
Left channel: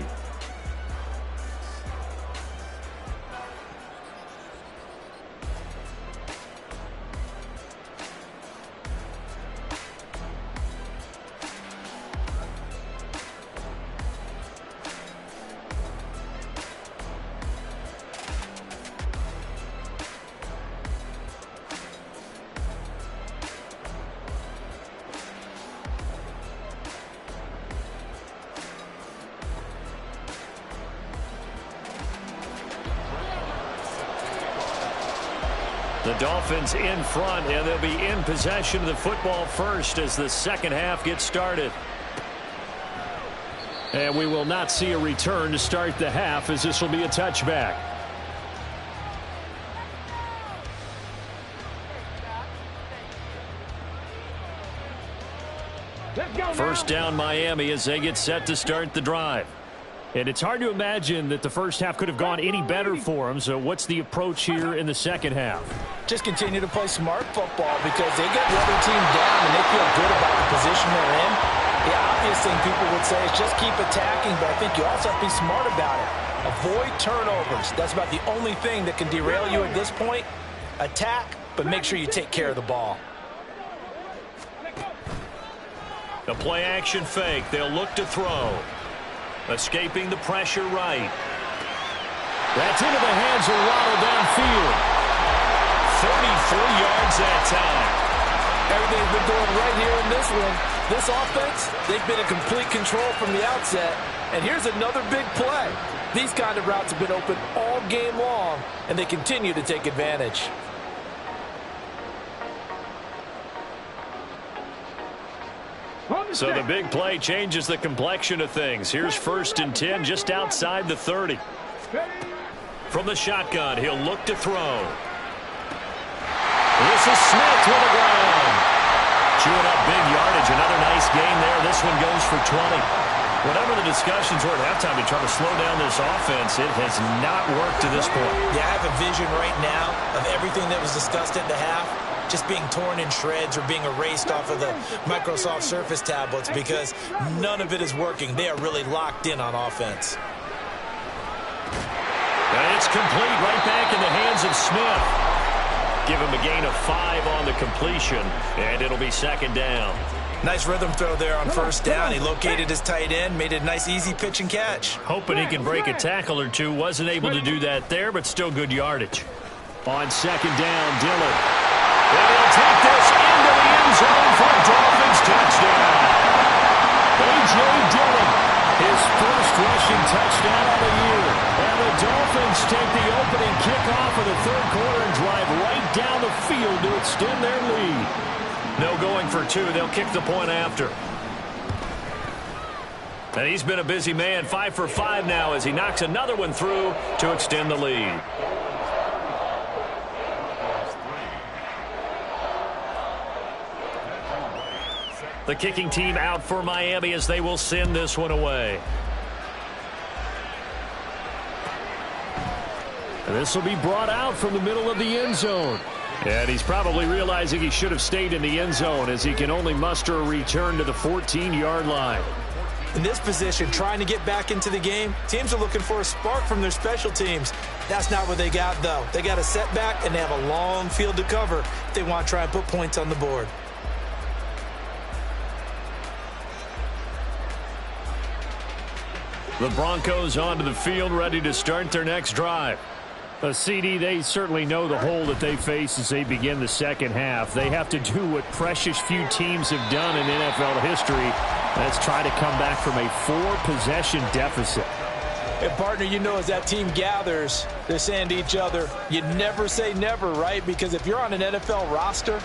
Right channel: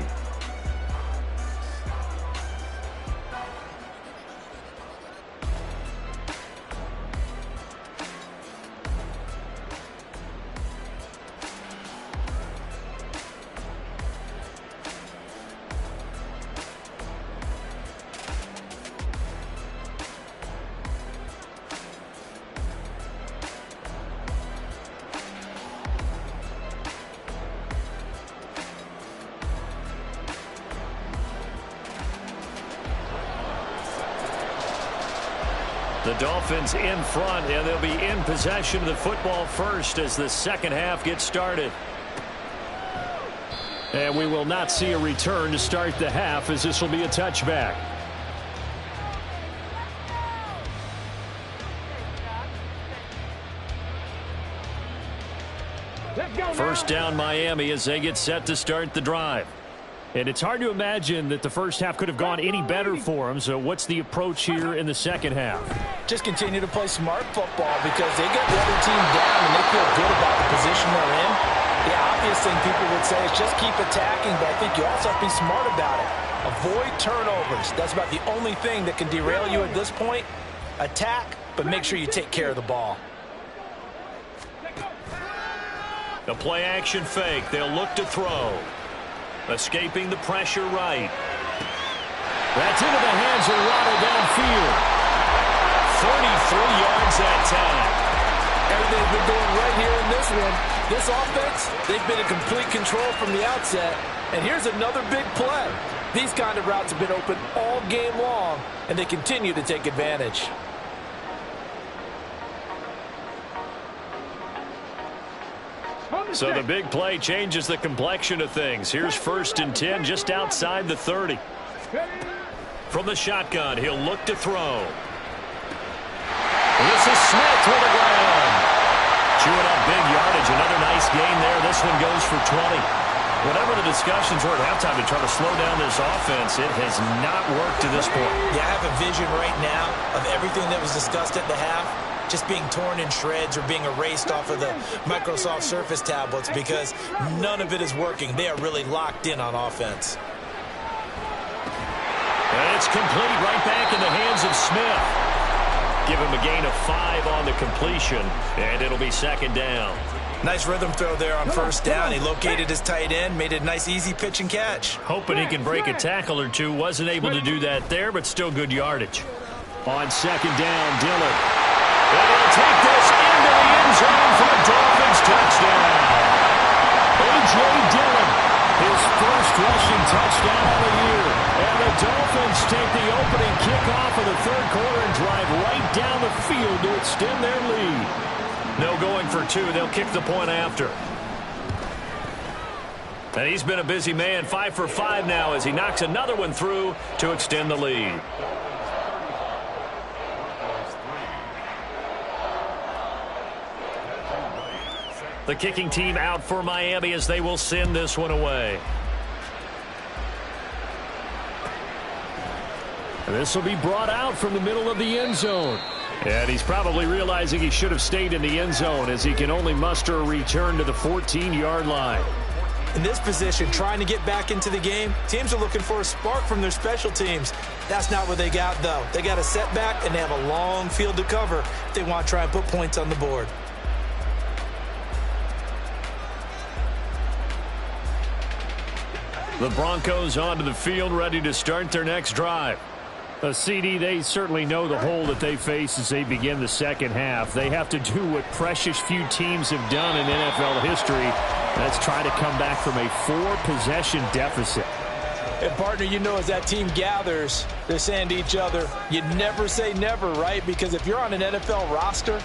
The Dolphins in front, and they'll be in possession of the football first as the second half gets started. And we will not see a return to start the half, as this will be a touchback. First down Miami as they get set to start the drive. And it's hard to imagine that the first half could have gone any better for them. So what's the approach here in the second half? Just continue to play smart football, because they get the other team down and they feel good about the position they're in. The obvious thing people would say is just keep attacking, but I think you also have to be smart about it. Avoid turnovers. That's about the only thing that can derail you at this point. Attack, but make sure you take care of the ball. The play action fake. They'll look to throw. Escaping the pressure right. That's into the hands of Waddle downfield. 33 yards that time. Everything's been going right here in this one. This offense, they've been in complete control from the outset. And here's another big play. These kind of routes have been open all game long, and they continue to take advantage. So the big play changes the complexion of things. Here's 1st and 10 just outside the 30. From the shotgun, he'll look to throw. This is Smith to the ground. Chewing up big yardage. Another nice gain there. This one goes for 20. Whatever the discussions were at halftime to try to slow down this offense, it has not worked to this point. Yeah, I have a vision right now of everything that was discussed at the half just being torn in shreds or being erased off of the Microsoft Surface tablets, because none of it is working. They are really locked in on offense. And it's complete, right back in the hands of Smith. Give him a gain of 5 on the completion, and it'll be second down. Nice rhythm throw there on first down. He located his tight end, made it a nice easy pitch and catch. Hoping he can break a tackle or two. Wasn't able to do that there, but still good yardage. On second down, Dillon. And he'll take this into the end zone for a Dolphins touchdown. A.J. Dillon, his first rushing touchdown of the year. And the Dolphins take the opening kickoff of the third quarter and drive right down the field to extend their lead. No going for two. They'll kick the point after. And he's been a busy man, 5 for 5 now as he knocks another one through to extend the lead. The kicking team out for Miami as they will send this one away. And this will be brought out from the middle of the end zone. And he's probably realizing he should have stayed in the end zone as he can only muster a return to the 14-yard line. In this position, trying to get back into the game, teams are looking for a spark from their special teams. That's not what they got, though. They got a setback, and they have a long field to cover if they want to try and put points on the board. The Broncos onto the field, ready to start their next drive. CD, they certainly know the hole that they face as they begin the second half. They have to do what precious few teams have done in NFL history. That's try to come back from a 4-possession deficit. And, partner, you know, as that team gathers, they're saying to each other, you never say never, right? Because if you're on an NFL roster,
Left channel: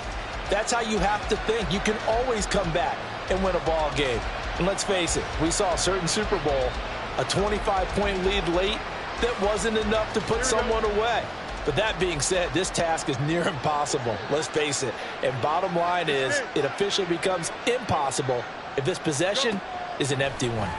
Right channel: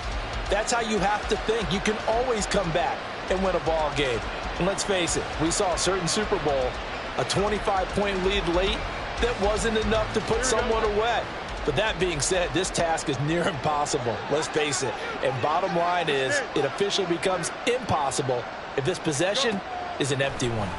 that's how you have to think. You can always come back and win a ball game. And let's face it, we saw a certain Super Bowl, a 25-point lead late, that wasn't enough to put someone away. But that being said, this task is near impossible. Let's face it. And bottom line is, it officially becomes impossible if this possession is an empty one.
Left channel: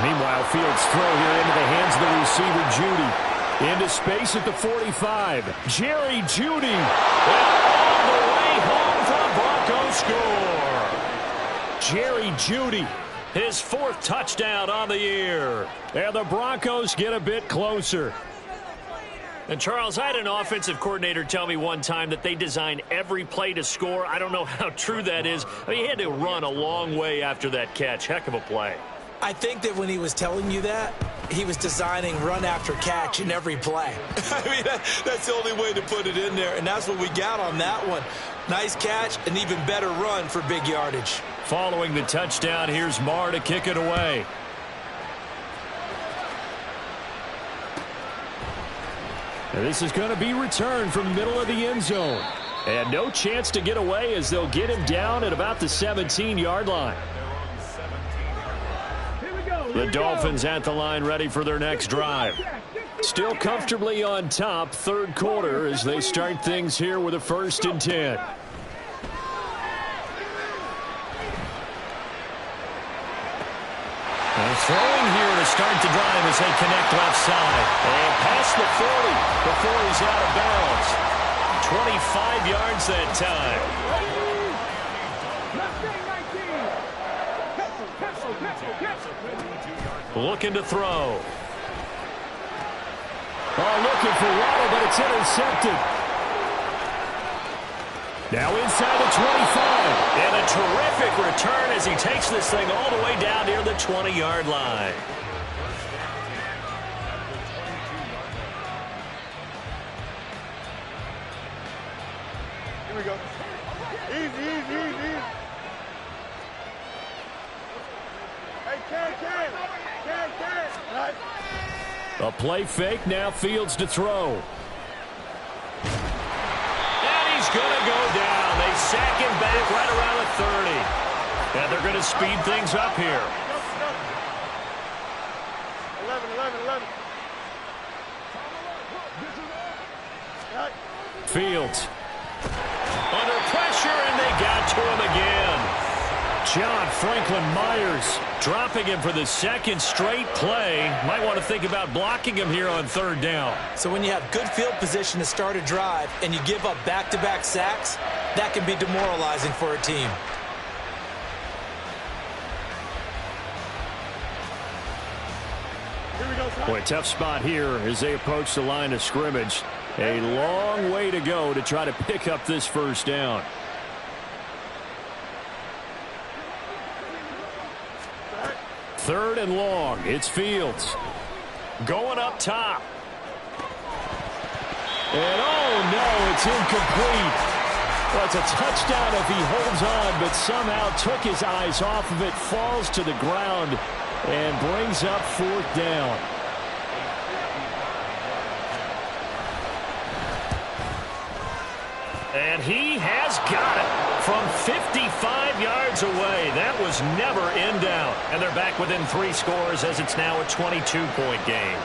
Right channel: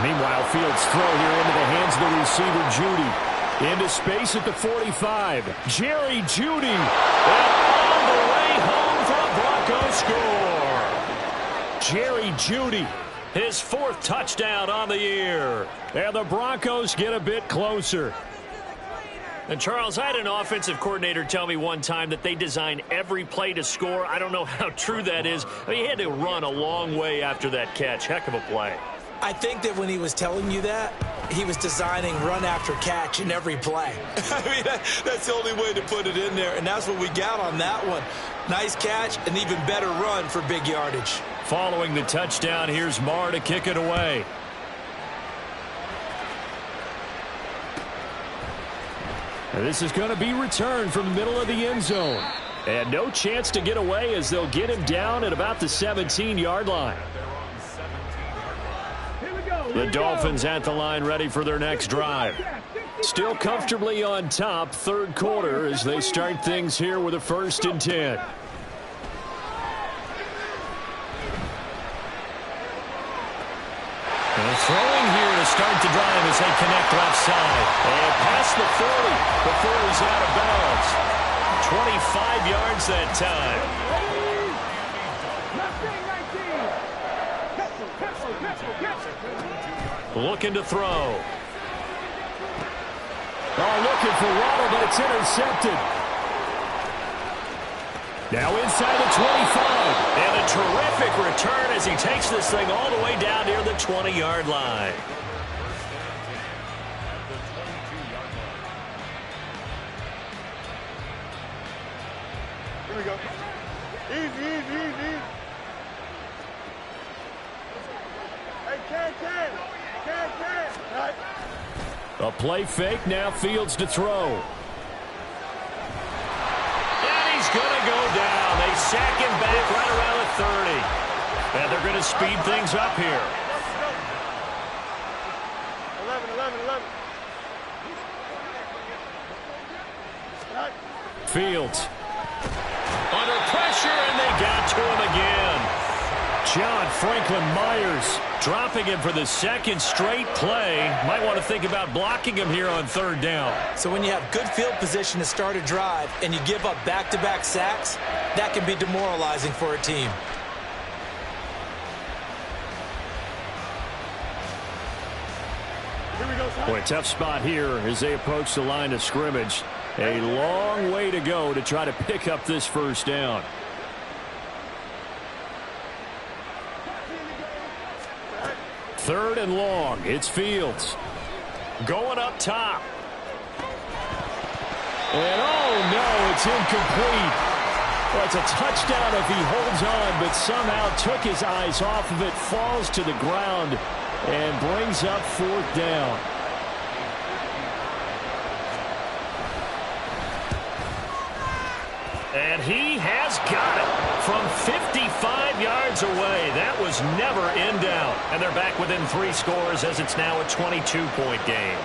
Meanwhile, Fields' throw here into the hands of the receiver, Jeudy. Into space at the 45. Jerry Jeudy. And all the way home for a Broncos score. Jerry Jeudy. His 4th touchdown on the year. And the Broncos get a bit closer. And, Charles, I had an offensive coordinator tell me one time that they design every play to score. I don't know how true that is. I mean, he had to run a long way after that catch. Heck of a play. I think that when he was telling you that, he was designing run after catch in every play. I mean, that's the only way to put it in there. And that's what we got on that one. Nice catch, an even better run for big yardage. Following the touchdown, here's Marr to kick it away. And this is going to be returned from the middle of the end zone. And no chance to get away as they'll get him down at about the 17-yard line. The Dolphins at the line, ready for their next drive. Still comfortably on top, third quarter, as they start things here with a 1st and 10. And throwing here to start the drive as they connect left side. And past the 40 before he's out of bounds. 25 yards that time. Looking to throw. Oh, looking for Waddle, but it's intercepted. Now inside the 25. And a terrific return as he takes this thing all the way down near the 20-yard line. Here we go. Easy. Hey, can. Right. A play fake, now Fields to throw. And he's going to go down. They sack him back right around the 30. And they're going to speed things up here. 11. Right. Fields. Under pressure, and they got to him again. John Franklin Myers dropping him for the 2nd straight play. Might want to think about blocking him here on 3rd down. So when you have good field position to start a drive and you give up back-to-back sacks, that can be demoralizing for a team. Here we go, son. Boy, tough spot here as they approach the line of scrimmage. A long way to go to try to pick up this 1st down. Third and long. It's Fields. Going up top. And oh no, it's incomplete. Well, it's a touchdown if he holds on, but somehow took his eyes off of it, falls to the ground, and brings up 4th down. And he has got it from 55 yards away. That was never in doubt. And they're back within 3 scores as it's now a 22-point game.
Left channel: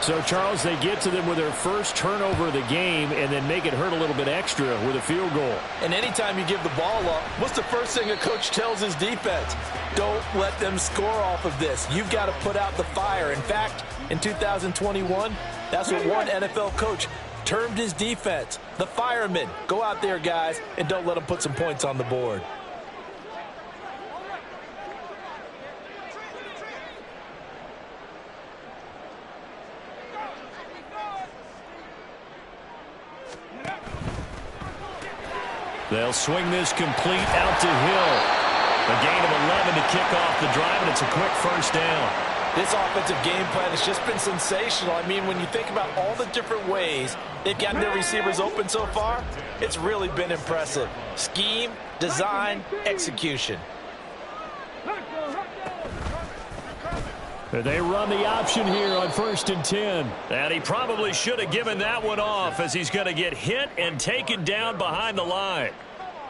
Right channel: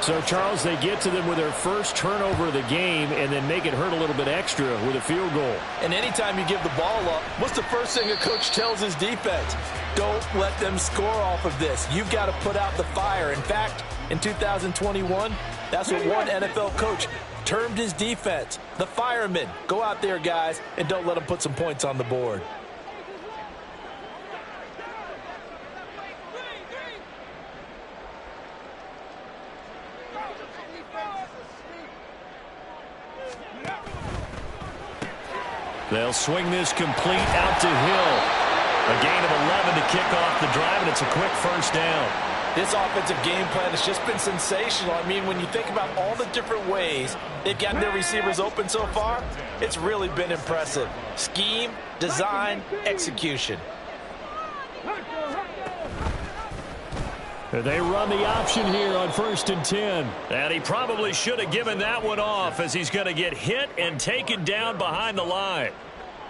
So, Charles, they get to them with their first turnover of the game and then make it hurt a little bit extra with a field goal. And anytime you give the ball up, what's the first thing a coach tells his defense? Don't let them score off of this. You've got to put out the fire. In fact, in 2021, that's what one NFL coach termed his defense, the firemen. Go out there, guys, and don't let them put some points on the board. They'll swing this complete out to Hill. A gain of 11 to kick off the drive, and it's a quick first down. This offensive game plan has just been sensational. I mean, when you think about all the different ways they've gotten their receivers open so far, it's really been impressive. Scheme, design, execution. They run the option here on 1st and 10. And he probably should have given that one off as he's going to get hit and taken down behind the line.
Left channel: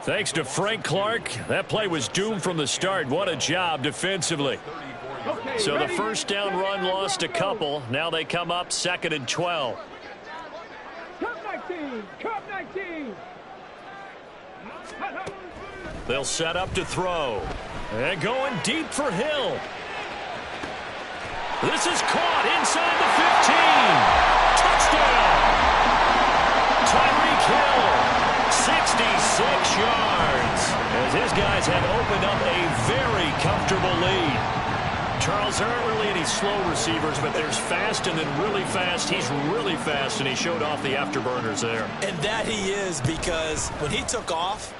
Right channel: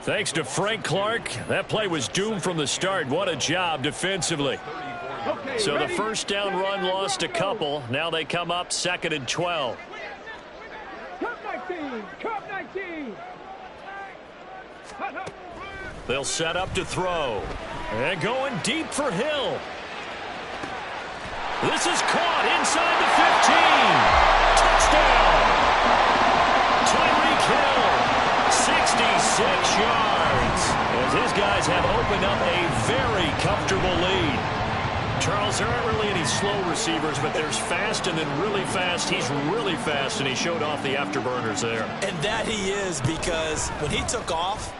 Thanks to Frank Clark, that play was doomed from the start. What a job defensively. So the first down run lost a couple. Now they come up 2nd and 12. Cup 19. Cup 19. They'll set up to throw. And going deep for Hill. This is caught inside the 15. Touchdown. Tyreek Hill, 66 yards. As his guys have opened up a very comfortable lead. Charles, there aren't really any slow receivers, but there's fast and then really fast. He's really fast, and he showed off the afterburners there. And that he is, because when he took off,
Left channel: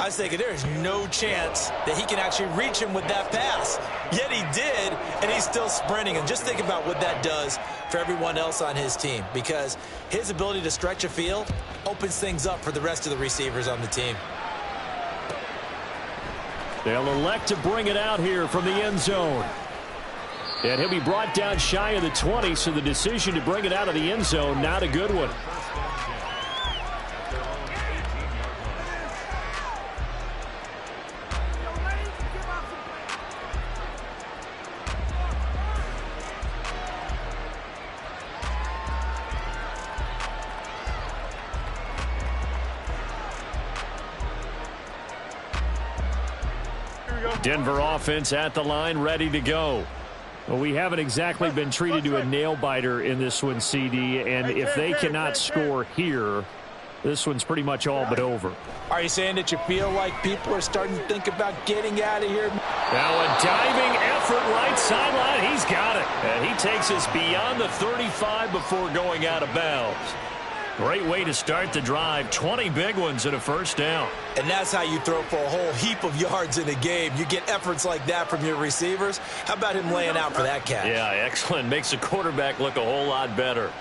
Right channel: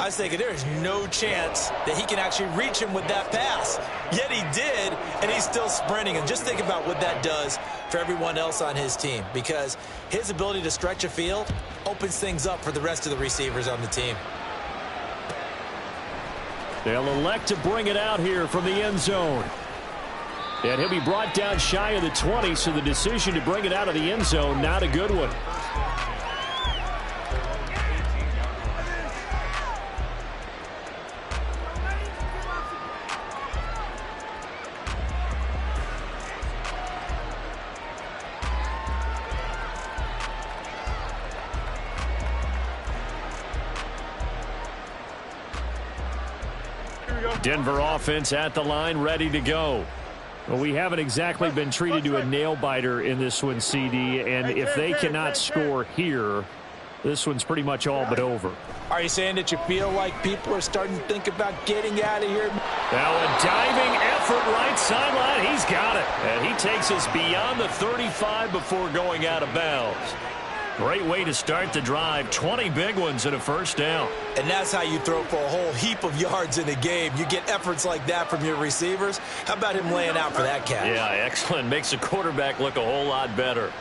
I was thinking there is no chance that he can actually reach him with that pass. Yet he did, and he's still sprinting. And just think about what that does for everyone else on his team, because his ability to stretch a field opens things up for the rest of the receivers on the team. They'll elect to bring it out here from the end zone. And he'll be brought down shy of the 20, so the decision to bring it out of the end zone, not a good one. Denver offense at the line, ready to go. Well, we haven't exactly been treated to a nail-biter in this one, CD, and if they cannot score here, this one's pretty much all but over. Are you saying that you feel like people are starting to think about getting out of here? Now a diving effort right sideline. He's got it. And he takes us beyond the 35 before going out of bounds. Great way to start the drive. 20 big ones and a first down. And that's how you throw for a whole heap of yards in a game. You get efforts like that from your receivers. How about him laying out for that catch? Yeah, excellent. Makes the quarterback look a whole lot better.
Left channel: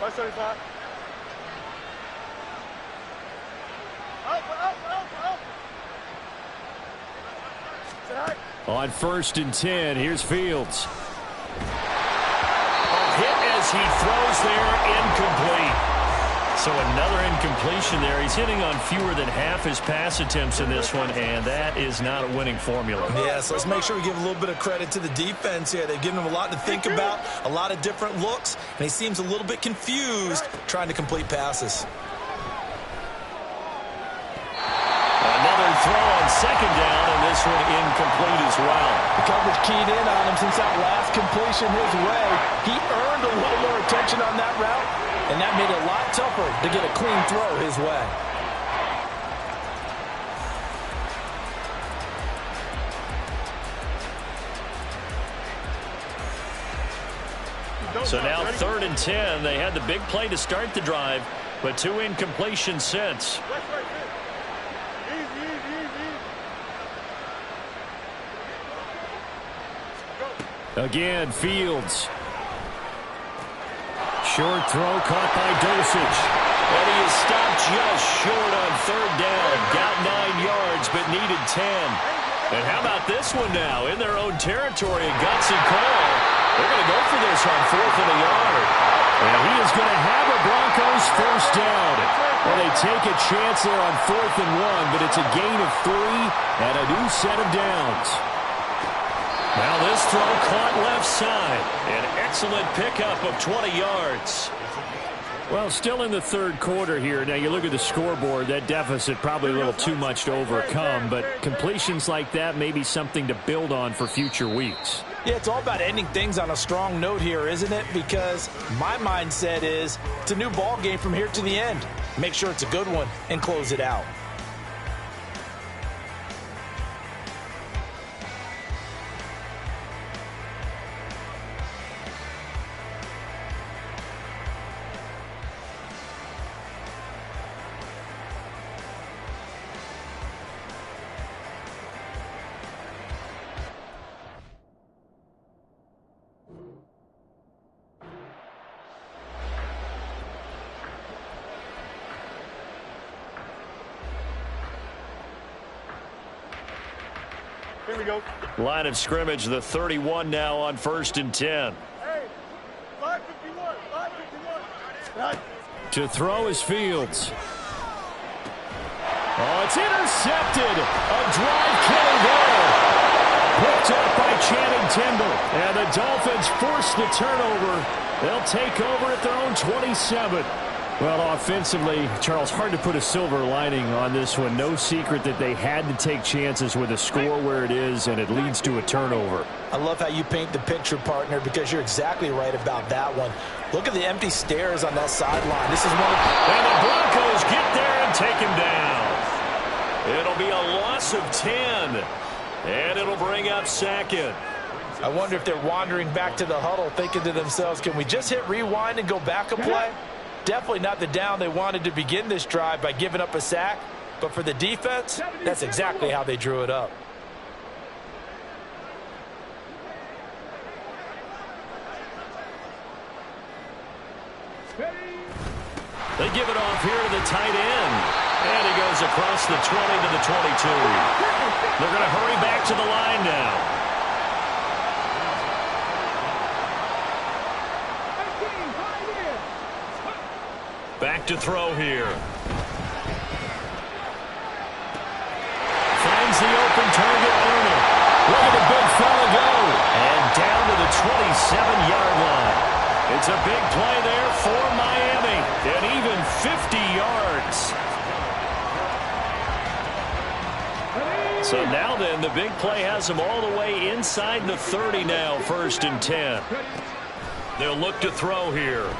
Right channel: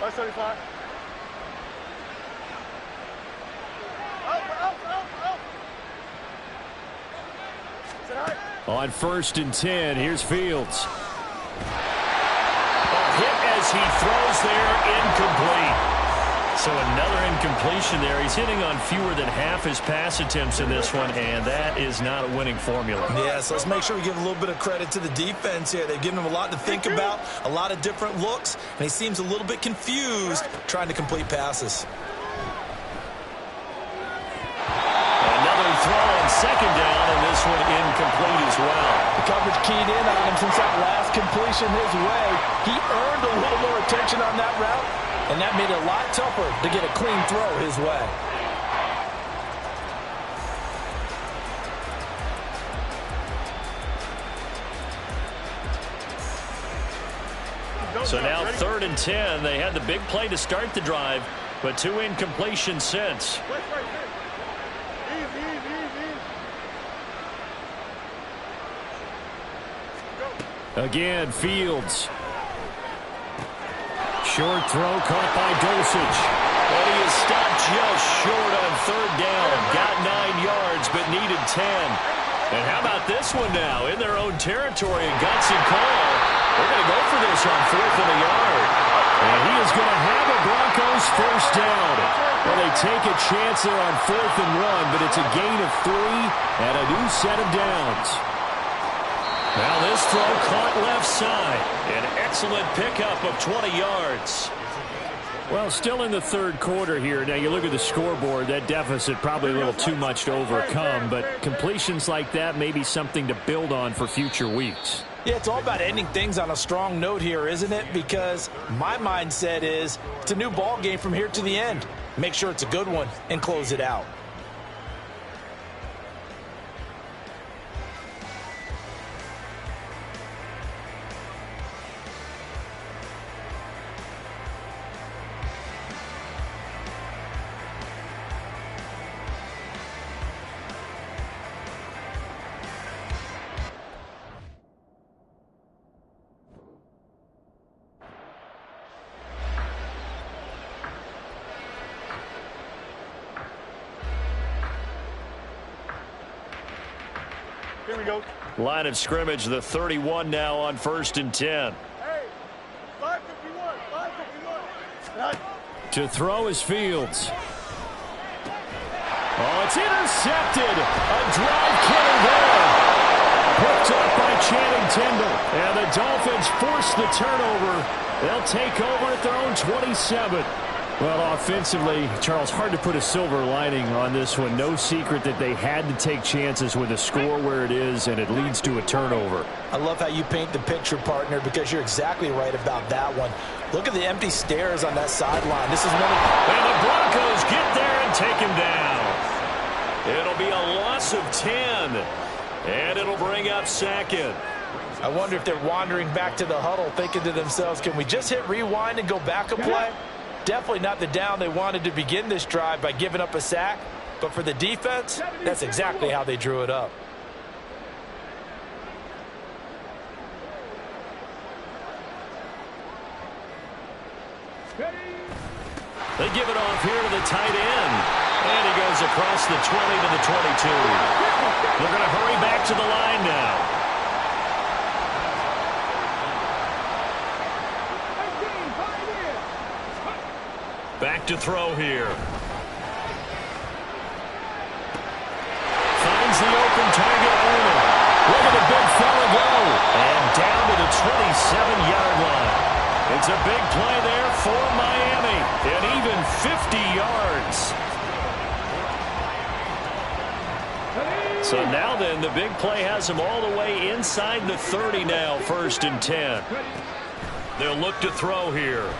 575. On 1st and 10, here's Fields. Hit as he throws there, incomplete. So another incompletion there. He's hitting on fewer than half his pass attempts in this one, and that is not a winning formula. Yeah, so let's make sure we give a little bit of credit to the defense here. They've given him a lot to think about, a lot of different looks, and he seems a little bit confused trying to complete passes. Another throw on 2nd down, and this one incomplete as well. The coverage keyed in on him since that last completion his way. He earned a little more attention on that route, and that made it a lot tougher to get a clean throw his way. So now 3rd and 10. They had the big play to start the drive, but 2 incompletions since. Again, Fields. Short throw caught by Dulcich. And he is stopped just short on 3rd down. Got 9 yards, but needed 10. And how about this one now? In their own territory, a gutsy call. They're going to go for this on 4th and a yard. And he is going to have a Broncos first down. Well, they take a chance there on 4th and 1, but it's a gain of 3 and a new set of downs. Now this throw caught left side. An excellent pickup of 20 yards. Well, still in the third quarter here. Now, you look at the scoreboard, that deficit probably a little too much to overcome, but completions like that may be something to build on for future weeks. Yeah, it's all about ending things on a strong note here, isn't it? Because my mindset is it's a new ball game from here to the end. Make sure it's a good one and close it out. Here we go. Line of scrimmage, the 31 now on 1st and 10. Hey, 551, 551. To throw is Fields. Oh, it's intercepted. A drive killer there. Picked up by Channing Tindall. And the Dolphins force the turnover. They'll take over at their own 27. Well, offensively, Charles, hard to put a silver lining on this one. No secret that they had to take chances with a score where it is, and it leads to a turnover. I love how you paint the picture, partner, because you're exactly right about that one. Look at the empty stares on that sideline. This is one of... And the Broncos get there and take him down. It'll be a loss of 10, and it'll bring up 2nd. I wonder if they're wandering back to the huddle thinking to themselves, can we just hit rewind and go back a play? Definitely not the down they wanted to begin this drive by giving up a sack. But for the defense, that's exactly how they drew it up. They give it off here to the tight end. And he goes across the 20 to the 22. They're going to hurry back to the line now. Back to throw here. Finds the open target, Arnold. Look at the big fella go. And down to the 27-yard line. It's a big play there for Miami. And even 50 yards. So now then, the big play has them all the way inside the 30 now, 1st and 10. They'll look to throw here.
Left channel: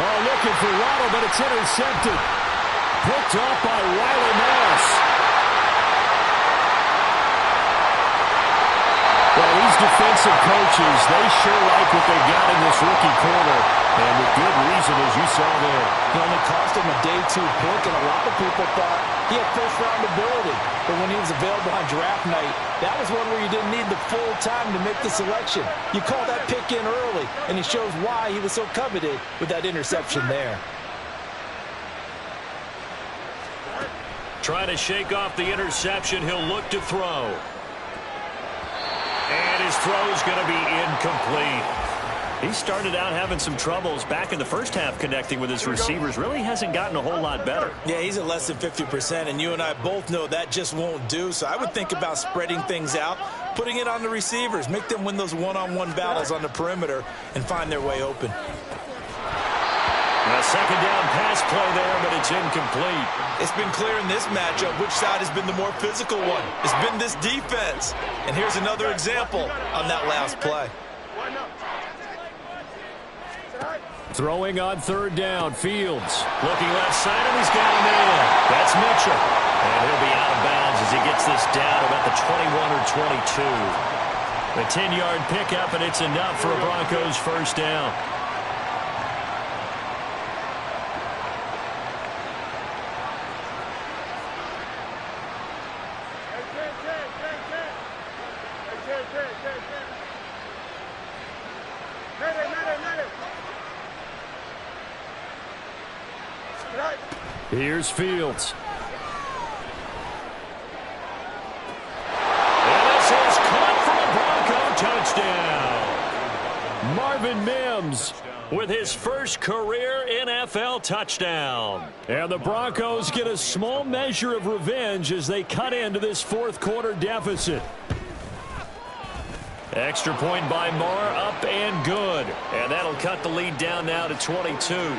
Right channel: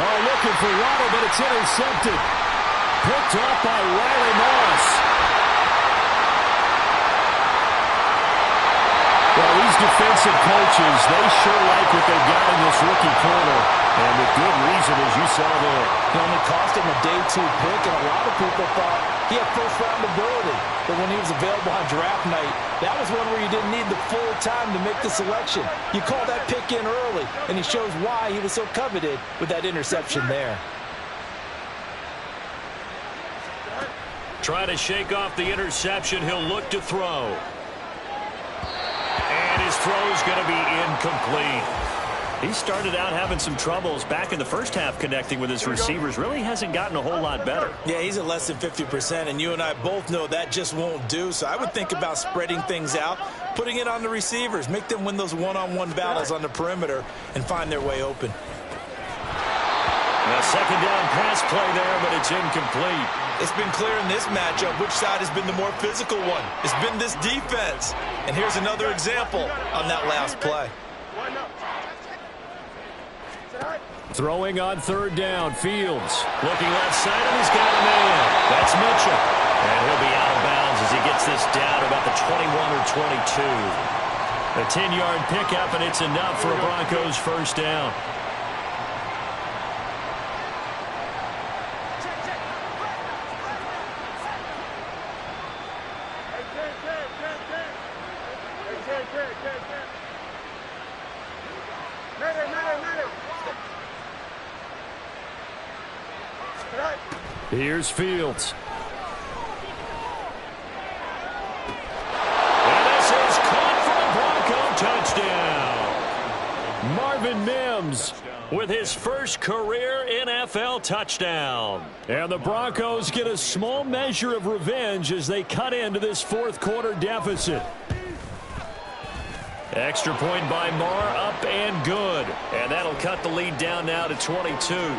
Oh, looking for Waddle, but it's intercepted. Picked off by Riley Moss. Well, these defensive coaches, they sure like what they've got in this rookie corner. And with good reason, as you saw there. He only cost him a day 2 pick, and a lot of people thought he had first-round ability. But when he was available on draft night, that was one where you didn't need the full time to make the selection. You call that pick in early, and he shows why he was so coveted with that interception there. Trying to shake off the interception, he'll look to throw. And his throw's going to be incomplete. He started out having some troubles back in the first half connecting with his receivers. Really hasn't gotten a whole lot better. Yeah, he's at less than 50%, and you and I both know that just won't do. So I would think about spreading things out, putting it on the receivers, make them win those one-on-one battles on the perimeter and find their way open. A second down pass play there, but it's incomplete. It's been clear in this matchup which side has been the more physical one. It's been this defense. And here's another example on that last play. Throwing on 3rd down, Fields. Looking left side, and he's got a man. That's Mitchell. And he'll be out of bounds as he gets this down to about the 21 or 22. A 10-yard pickup, and it's enough for a Broncos first down. Here's Fields. And this is caught for a Bronco touchdown. Marvin Mims with his first career NFL touchdown. And the Broncos get a small measure of revenge as they cut into this fourth quarter deficit. Extra point by Marr, up and good. And that'll cut the lead down now to 22.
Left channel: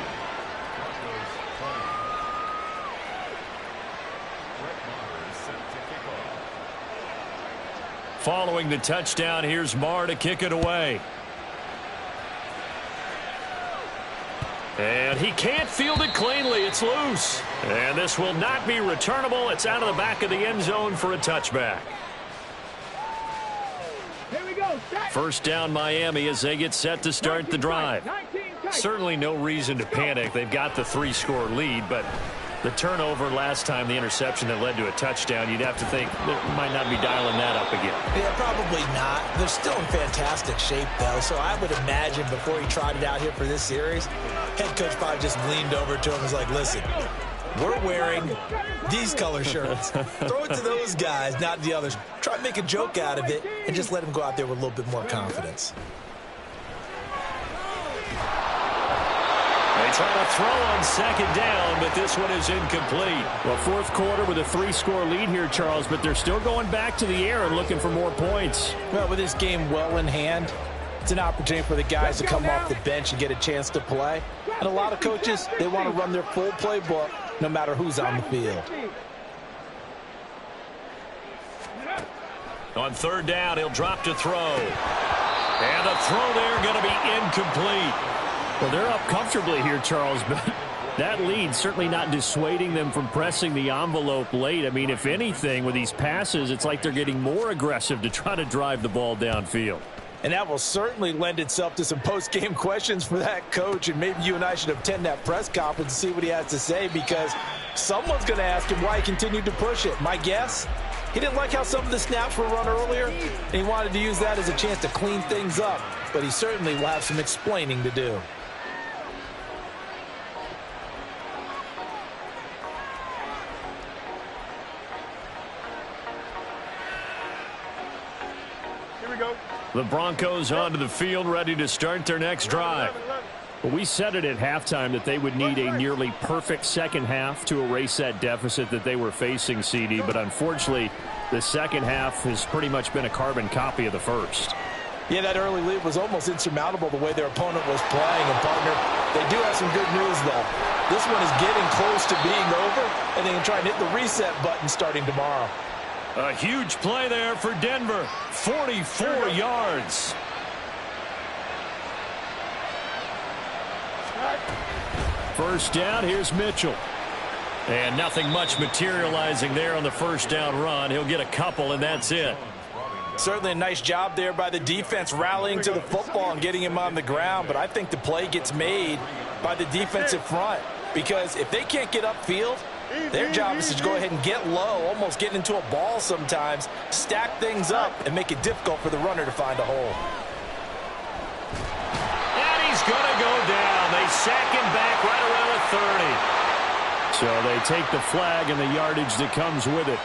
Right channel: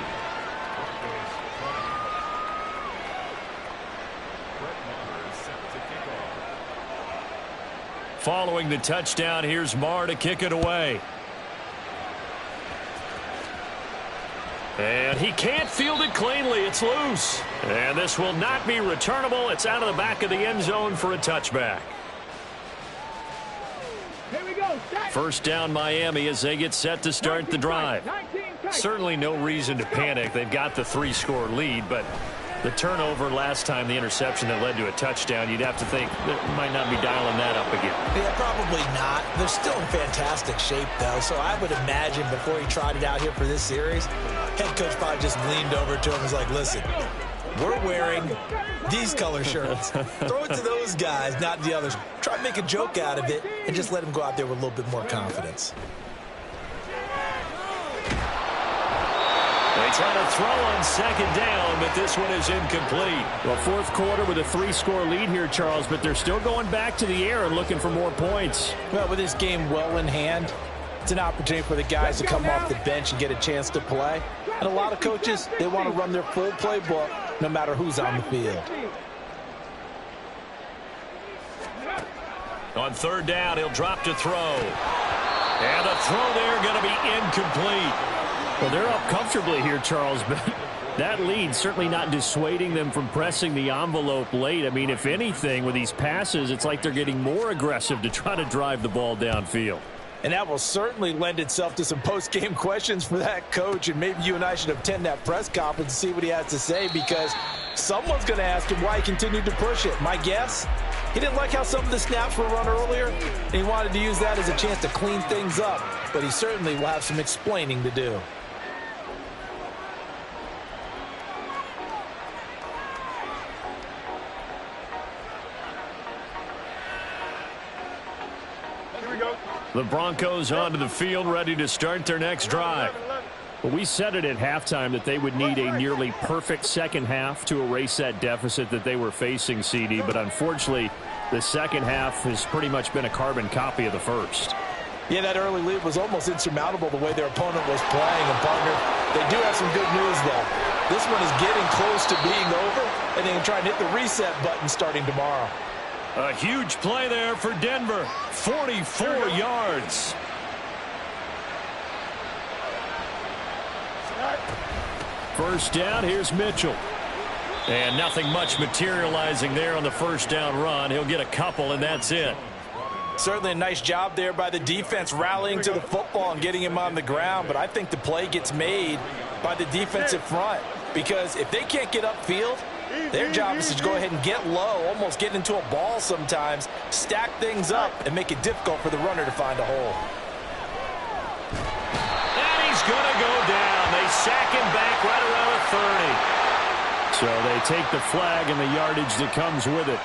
Following the touchdown, here's Marr to kick it away. And he can't field it cleanly. It's loose. And this will not be returnable. It's out of the back of the end zone for a touchback. Here we go. First down, Miami, as they get set to start the drive. Certainly no reason to panic. They've got the 3-score lead, but the turnover last time, the interception that led to a touchdown, you'd have to think they might not be dialing that up again. Yeah, probably not. They're still in fantastic shape, though, so I would imagine before he tried it out here for this series, head coach probably just leaned over to him and was like, listen, we're wearing these color shirts. Throw it to those guys, not the others. Try to make a joke out of it and just let him go out there with a little bit more confidence. They try to throw on second down, but this one is incomplete. Well, fourth quarter with a 3-score lead here, Charles, but they're still going back to the air and looking for more points. Well, with this game well in hand, it's an opportunity for the guys to come off the bench and get a chance to play. And a lot of coaches, they want to run their full playbook no matter who's on the field. On third down, he'll drop to throw. And the throw there going to be incomplete. Well, they're up comfortably here, Charles, but that lead certainly not dissuading them from pressing the envelope late. I mean, if anything, with these passes, it's like they're getting more aggressive to try to drive the ball downfield. And that will certainly lend itself to some post-game questions for that coach, and maybe you and I should attend that press conference and see what he has to say, because someone's going to ask him why he continued to push it. My guess, he didn't like how some of the snaps were run earlier, and he wanted to use that as a chance to clean things up, but he certainly will have some explaining to do. The Broncos onto the field, ready to start their next drive. Well, we said it at halftime that they would need a nearly perfect second half to erase that deficit that they were facing, CD, but unfortunately, the second half has pretty much been a carbon copy of the first. Yeah, that early lead was almost insurmountable the way their opponent was playing. And, partner, they do have some good news, though. This one is getting close to being over, and they can try and hit the reset button starting tomorrow. A huge play there for Denver. 44 yards. First down, here's Mitchell. And nothing much materializing there on the first down run. He'll get a couple, and that's it. Certainly a nice job there by the defense rallying to the football and getting him on the ground, but I think the play gets made by the defensive front, because if they can't get upfield, their job is to go ahead and get low, almost get into a ball sometimes, stack things up, and make it difficult for the runner to find a hole. And he's going to go down. They sack him back right around the 30. So they take the flag and the yardage that comes with it.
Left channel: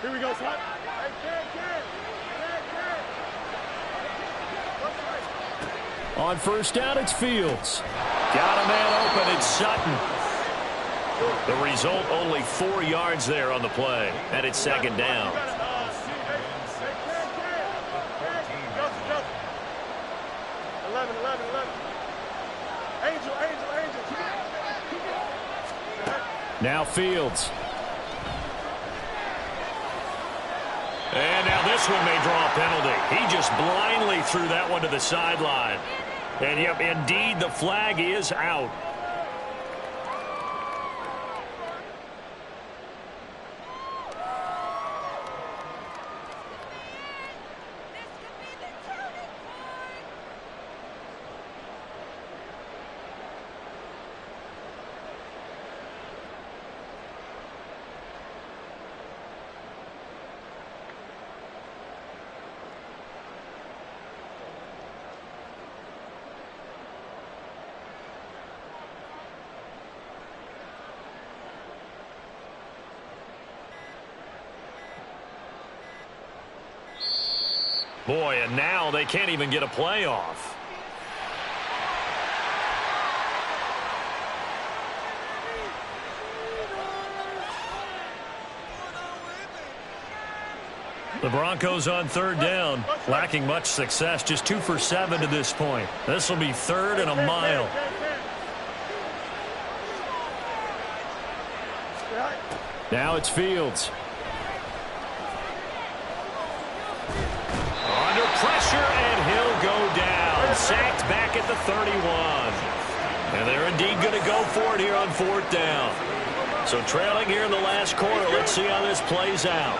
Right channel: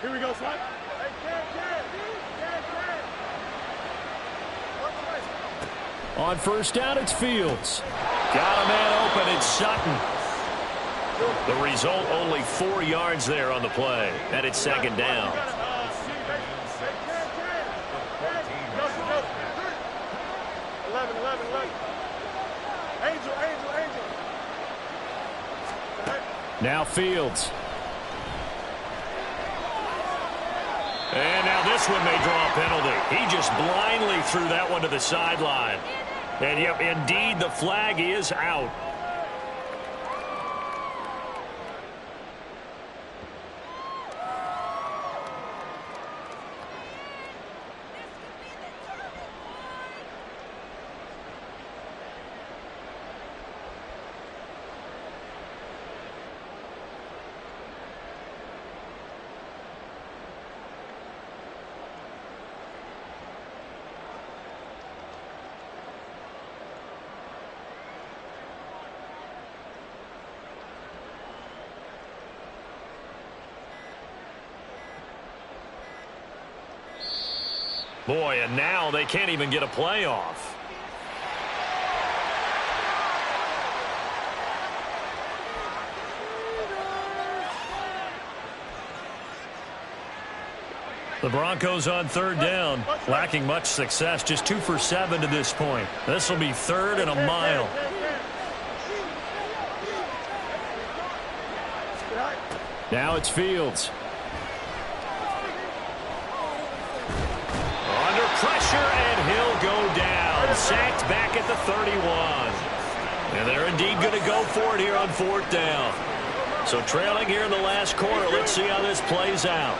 Here we go, son. Hey, Ken. On first down, it's Fields. Got a man open. It's Sutton. The result, only 4 yards there on the play. And it's second down. Angel. Now Fields. And now this one may draw a penalty. He just blindly threw that one to the sideline. And, yep, indeed, the flag is out. Boy, and now they can't even get a playoff. The Broncos on third down, lacking much success, just 2 for 7 to this point. This will be 3rd and a mile. Now it's Fields. Under pressure, and he'll go down. Sacked back at the 31. And they're indeed going to go for it here on 4th down. So trailing here in the last quarter, let's see how this plays out.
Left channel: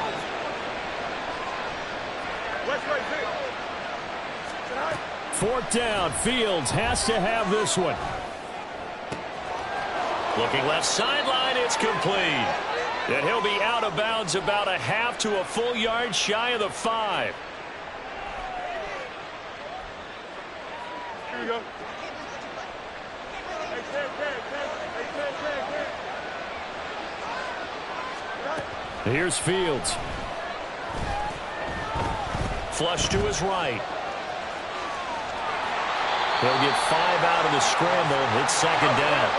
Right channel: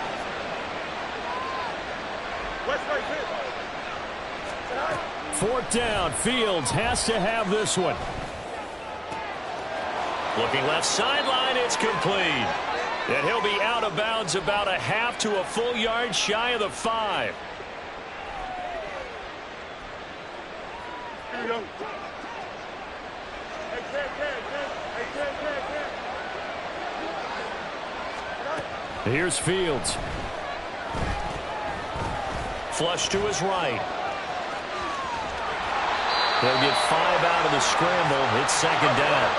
4th down. Fields has to have this one. Looking left sideline, it's complete. And he'll be out of bounds about a half to a full yard shy of the 5. Here we go. Here's Fields. Flush to his right. He'll get 5 out of the scramble. It's 2nd down.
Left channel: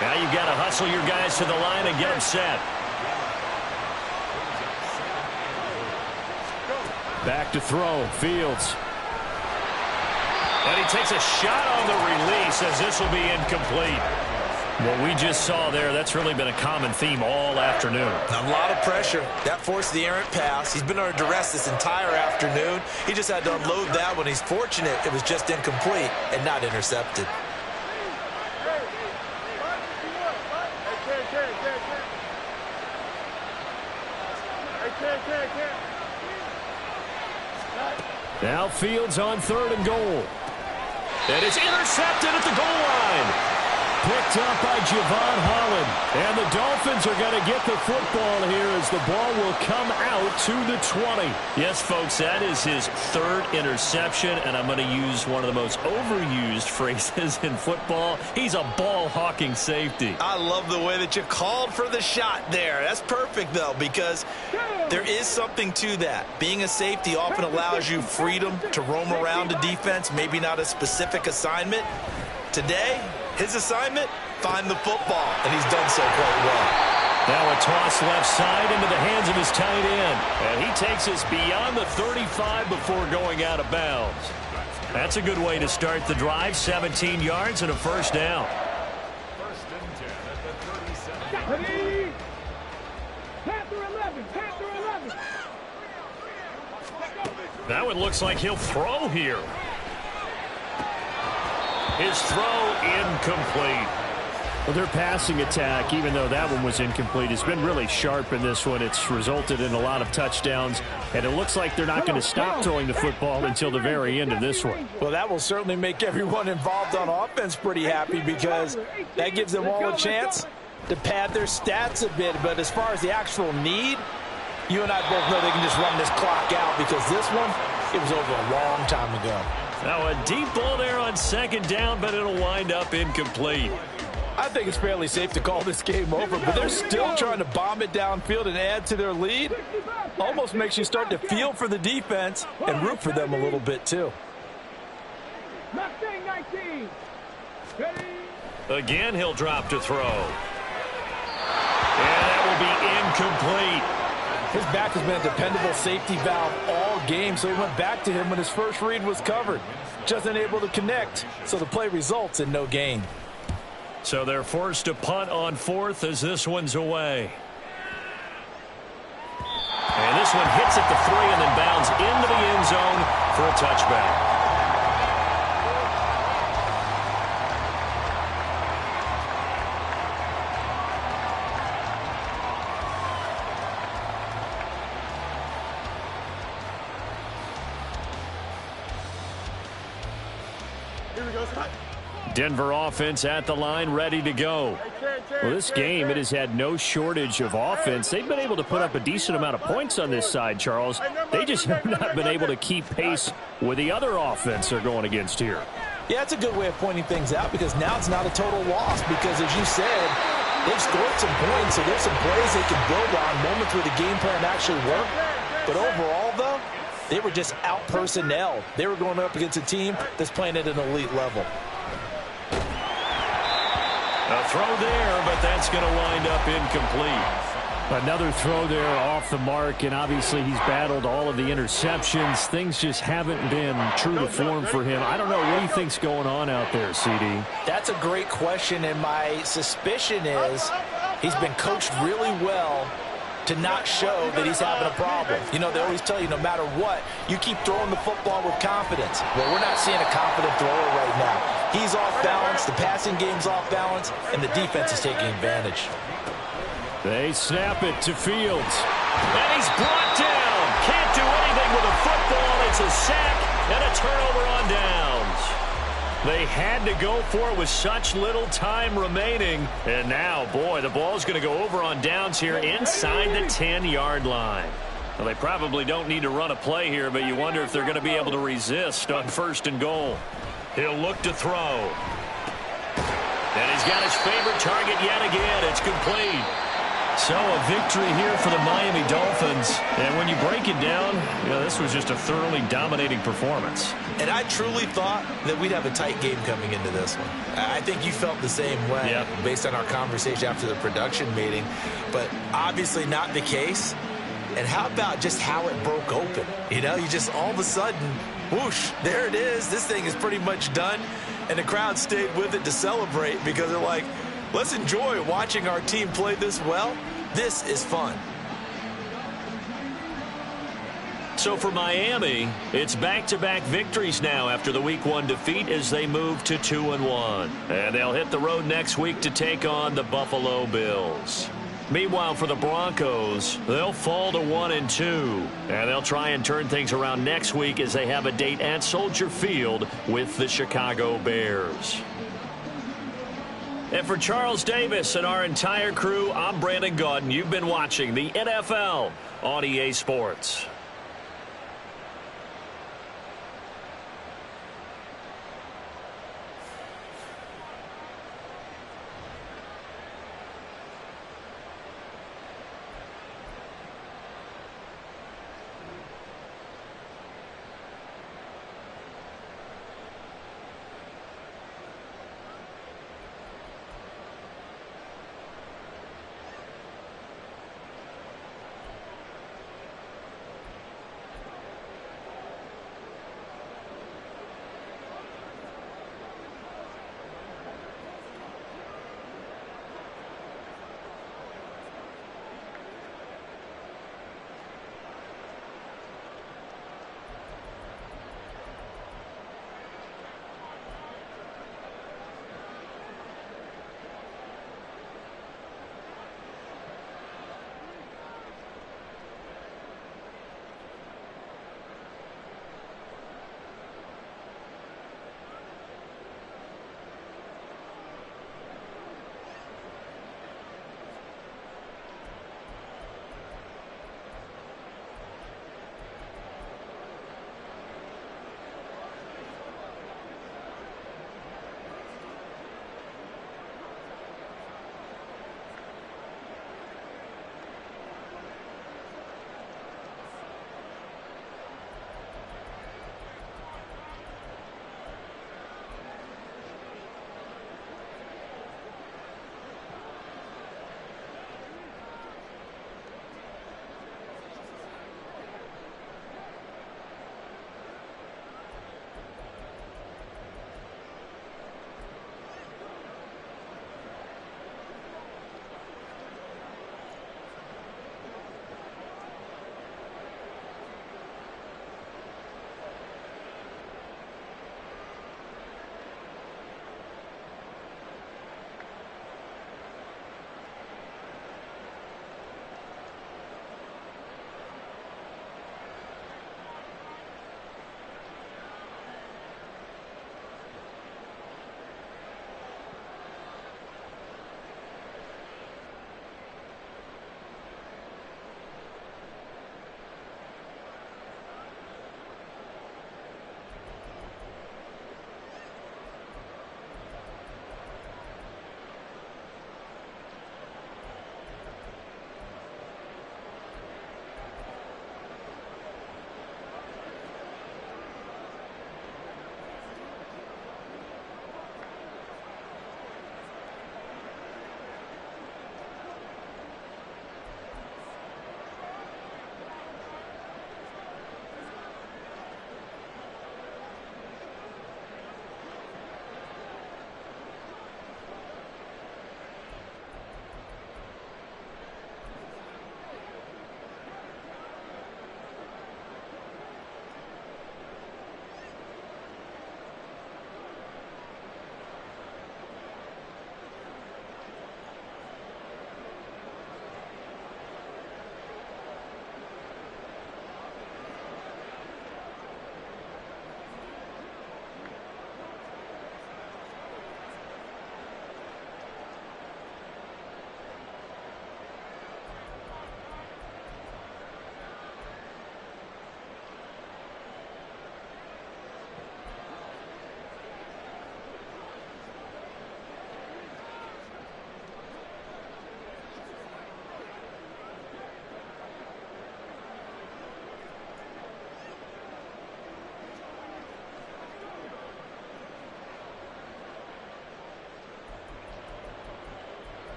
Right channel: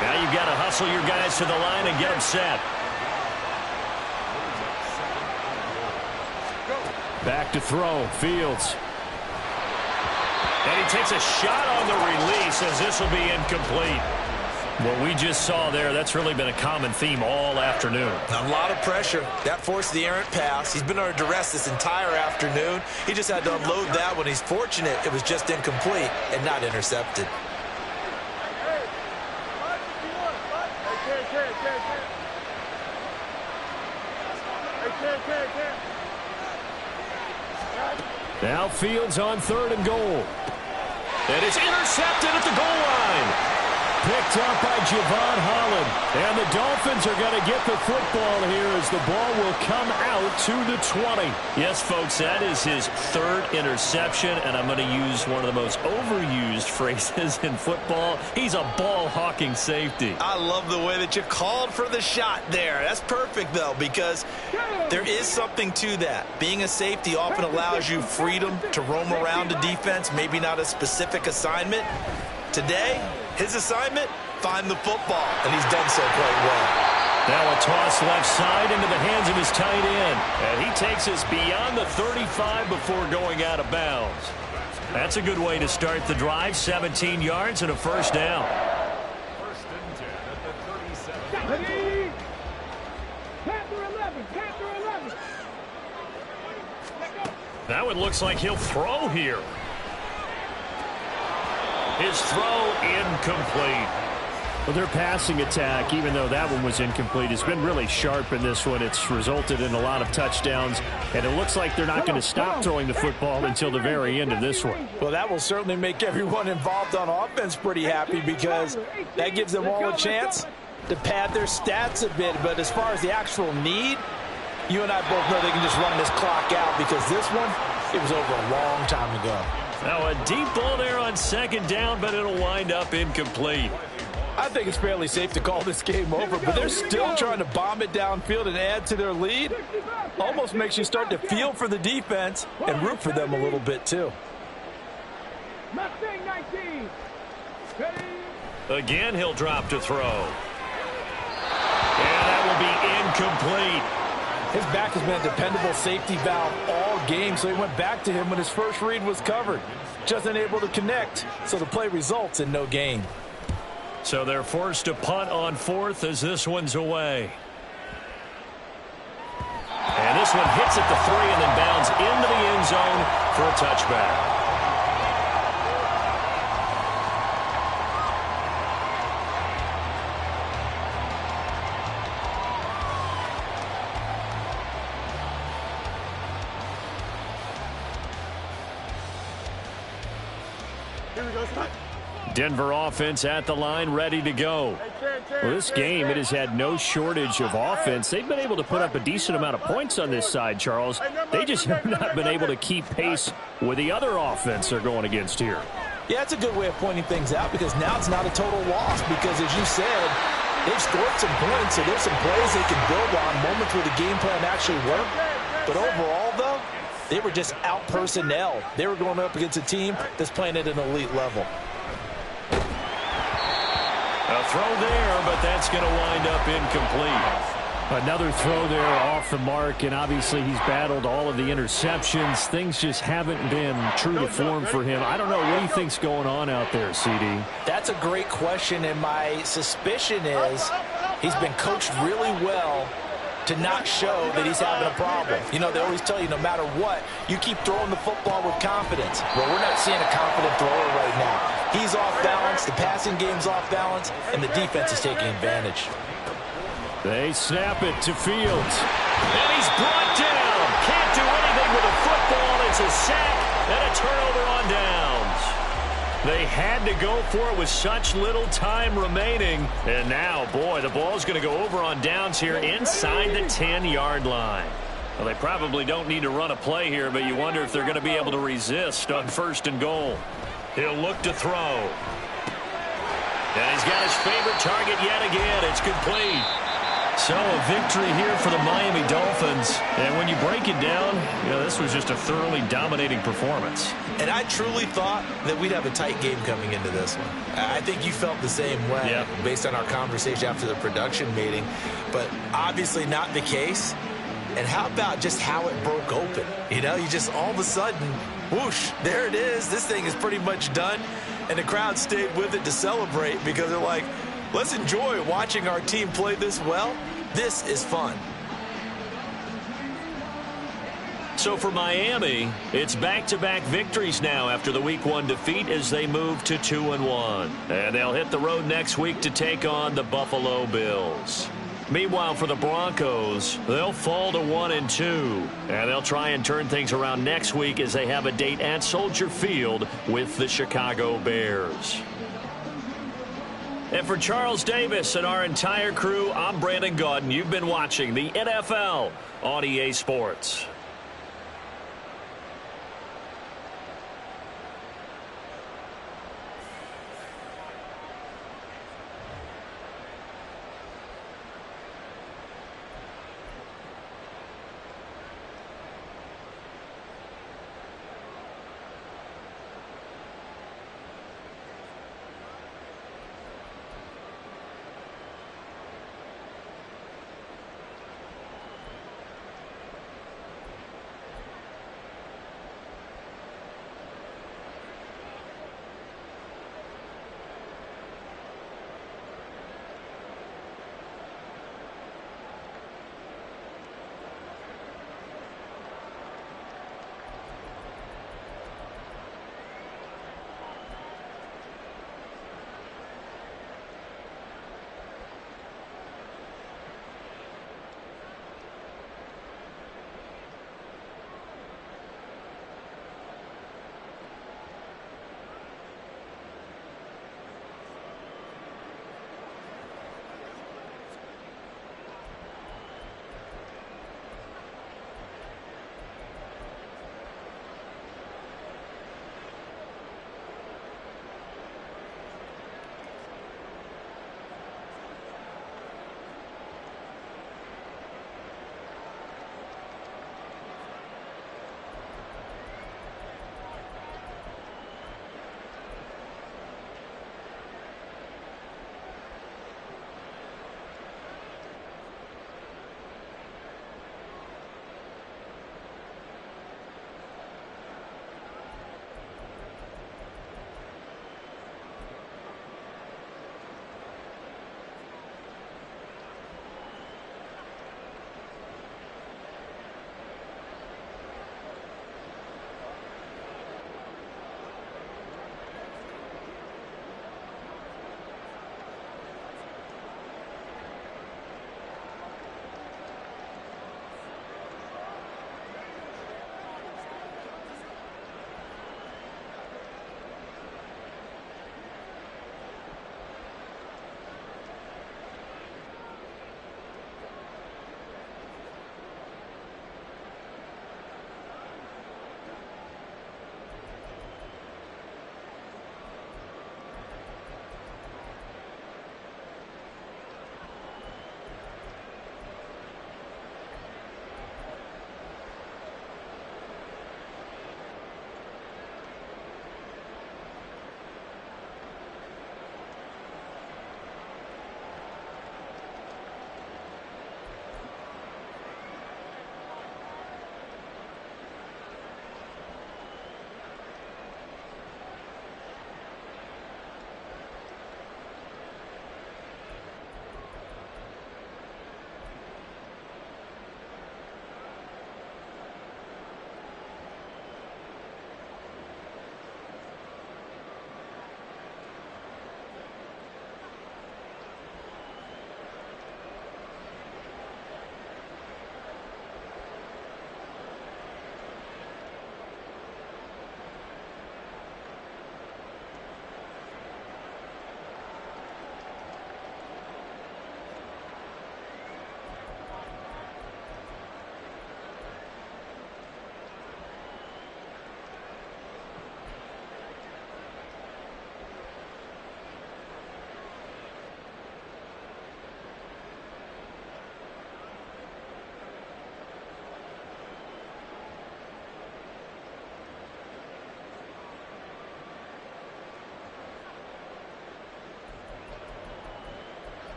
Now you've got to hustle your guys to the line and get them set. Back to throw. Fields. And he takes a shot on the release as this will be incomplete. What we just saw there, that's really been a common theme all afternoon. A lot of pressure. That forced the errant pass. He's been under duress this entire afternoon. He just had to unload that one. He's fortunate it was just incomplete and not intercepted. Now Fields on 3rd and goal. And it's intercepted at the goal line. Picked up by Javon Holland. And the Dolphins are going to get the football here as the ball will come out to the 20. Yes, folks, that is his 3rd interception, and I'm going to use one of the most overused phrases in football. He's a ball-hawking safety. I love the way that you called for the shot there. That's perfect, though, because there is something to that. Being a safety often allows you freedom to roam around a defense, maybe not a specific assignment. Today, his assignment, find the football, and he's done so quite well. Now a toss left side into the hands of his tight end. And he takes us beyond the 35 before going out of bounds. That's a good way to start the drive. 17 yards and a 1st down. 1st and 10 at the 37. Panther 11. Panther 11. That one looks like he'll throw here. His throw incomplete. Well, their passing attack, even though that one was incomplete, has been really sharp in this one. It's resulted in a lot of touchdowns, and it looks like they're not going to stop throwing the football until the very end of this one. Well, that will certainly make everyone involved on offense pretty happy because that gives them all a chance to pad their stats a bit. But as far as the actual need, you and I both know they can just run this clock out because this one, it was over a long time ago. Now a deep ball there on 2nd down, but it'll wind up incomplete. I think it's fairly safe to call this game over, but they're still trying to bomb it downfield and add to their lead. Almost makes you start to feel for the defense and root for them a little bit too. Mustang 19. Again, he'll drop to throw. And that will be incomplete. His back has been a dependable safety valve all game, so he went back to him when his first read was covered. Just unable to connect, so the play results in no gain. So they're forced to punt on 4th as this one's away. And this one hits at the 3 and then bounds into the end zone for a touchback. Denver offense at the line, ready to go. Well, this game, it has had no shortage of offense. They've been able to put up a decent amount of points on this side, Charles. They just have not been able to keep pace with the other offense they're going against here. Yeah, that's a good way of pointing things out because now it's not a total loss because, as you said, they've scored some points, so there's some plays they can build on, moments where the game plan actually worked. But overall, though, They were just out-personnel. They were going up against a team that's playing at an elite level. A throw there, but that's going to wind up incomplete. Another throw there off the mark, and obviously he's battled all of the interceptions. Things just haven't been true to form for him. I don't know what he thinks going on out there, CD. That's a great question, and my suspicion is he's been coached really well to not show that he's having a problem. You know, they always tell you no matter what, you keep throwing the football with confidence. Well, we're not seeing a confident thrower right now. He's off balance, the passing game's off balance, and the defense is taking advantage. They snap it to Fields. And he's brought down. Can't do anything with a football. It's a sack and a turnover on downs. They had to go for it with such little time remaining. And now, boy, the ball's going to go over on downs here inside the 10-yard line. Well, they probably don't need to run a play here, but you wonder if they're going to be able to resist on 1st and goal. He'll look to throw. And he's got his favorite target yet again. It's complete. So a victory here for the Miami Dolphins. And when you break it down, you know, this was just a thoroughly dominating performance. And I truly thought that we'd have a tight game coming into this one. I think you felt the same way based on our conversation after the production meeting. But obviously not the case. And how about just how it broke open? You know, you just all of a sudden, whoosh, there it is. This thing is pretty much done. And the crowd stayed with it to celebrate because they're like, let's enjoy watching our team play this well. This is fun. So for Miami, it's back-to-back victories now after the Week 1 defeat as they move to 2-1. And they'll hit the road next week to take on the Buffalo Bills. Meanwhile, for the Broncos, they'll fall to 1-2. And they'll try and turn things around next week as they have a date at Soldier Field with the Chicago Bears. And for Charles Davis and our entire crew, I'm Brandon Gaudin. You've been watching the NFL on EA Sports.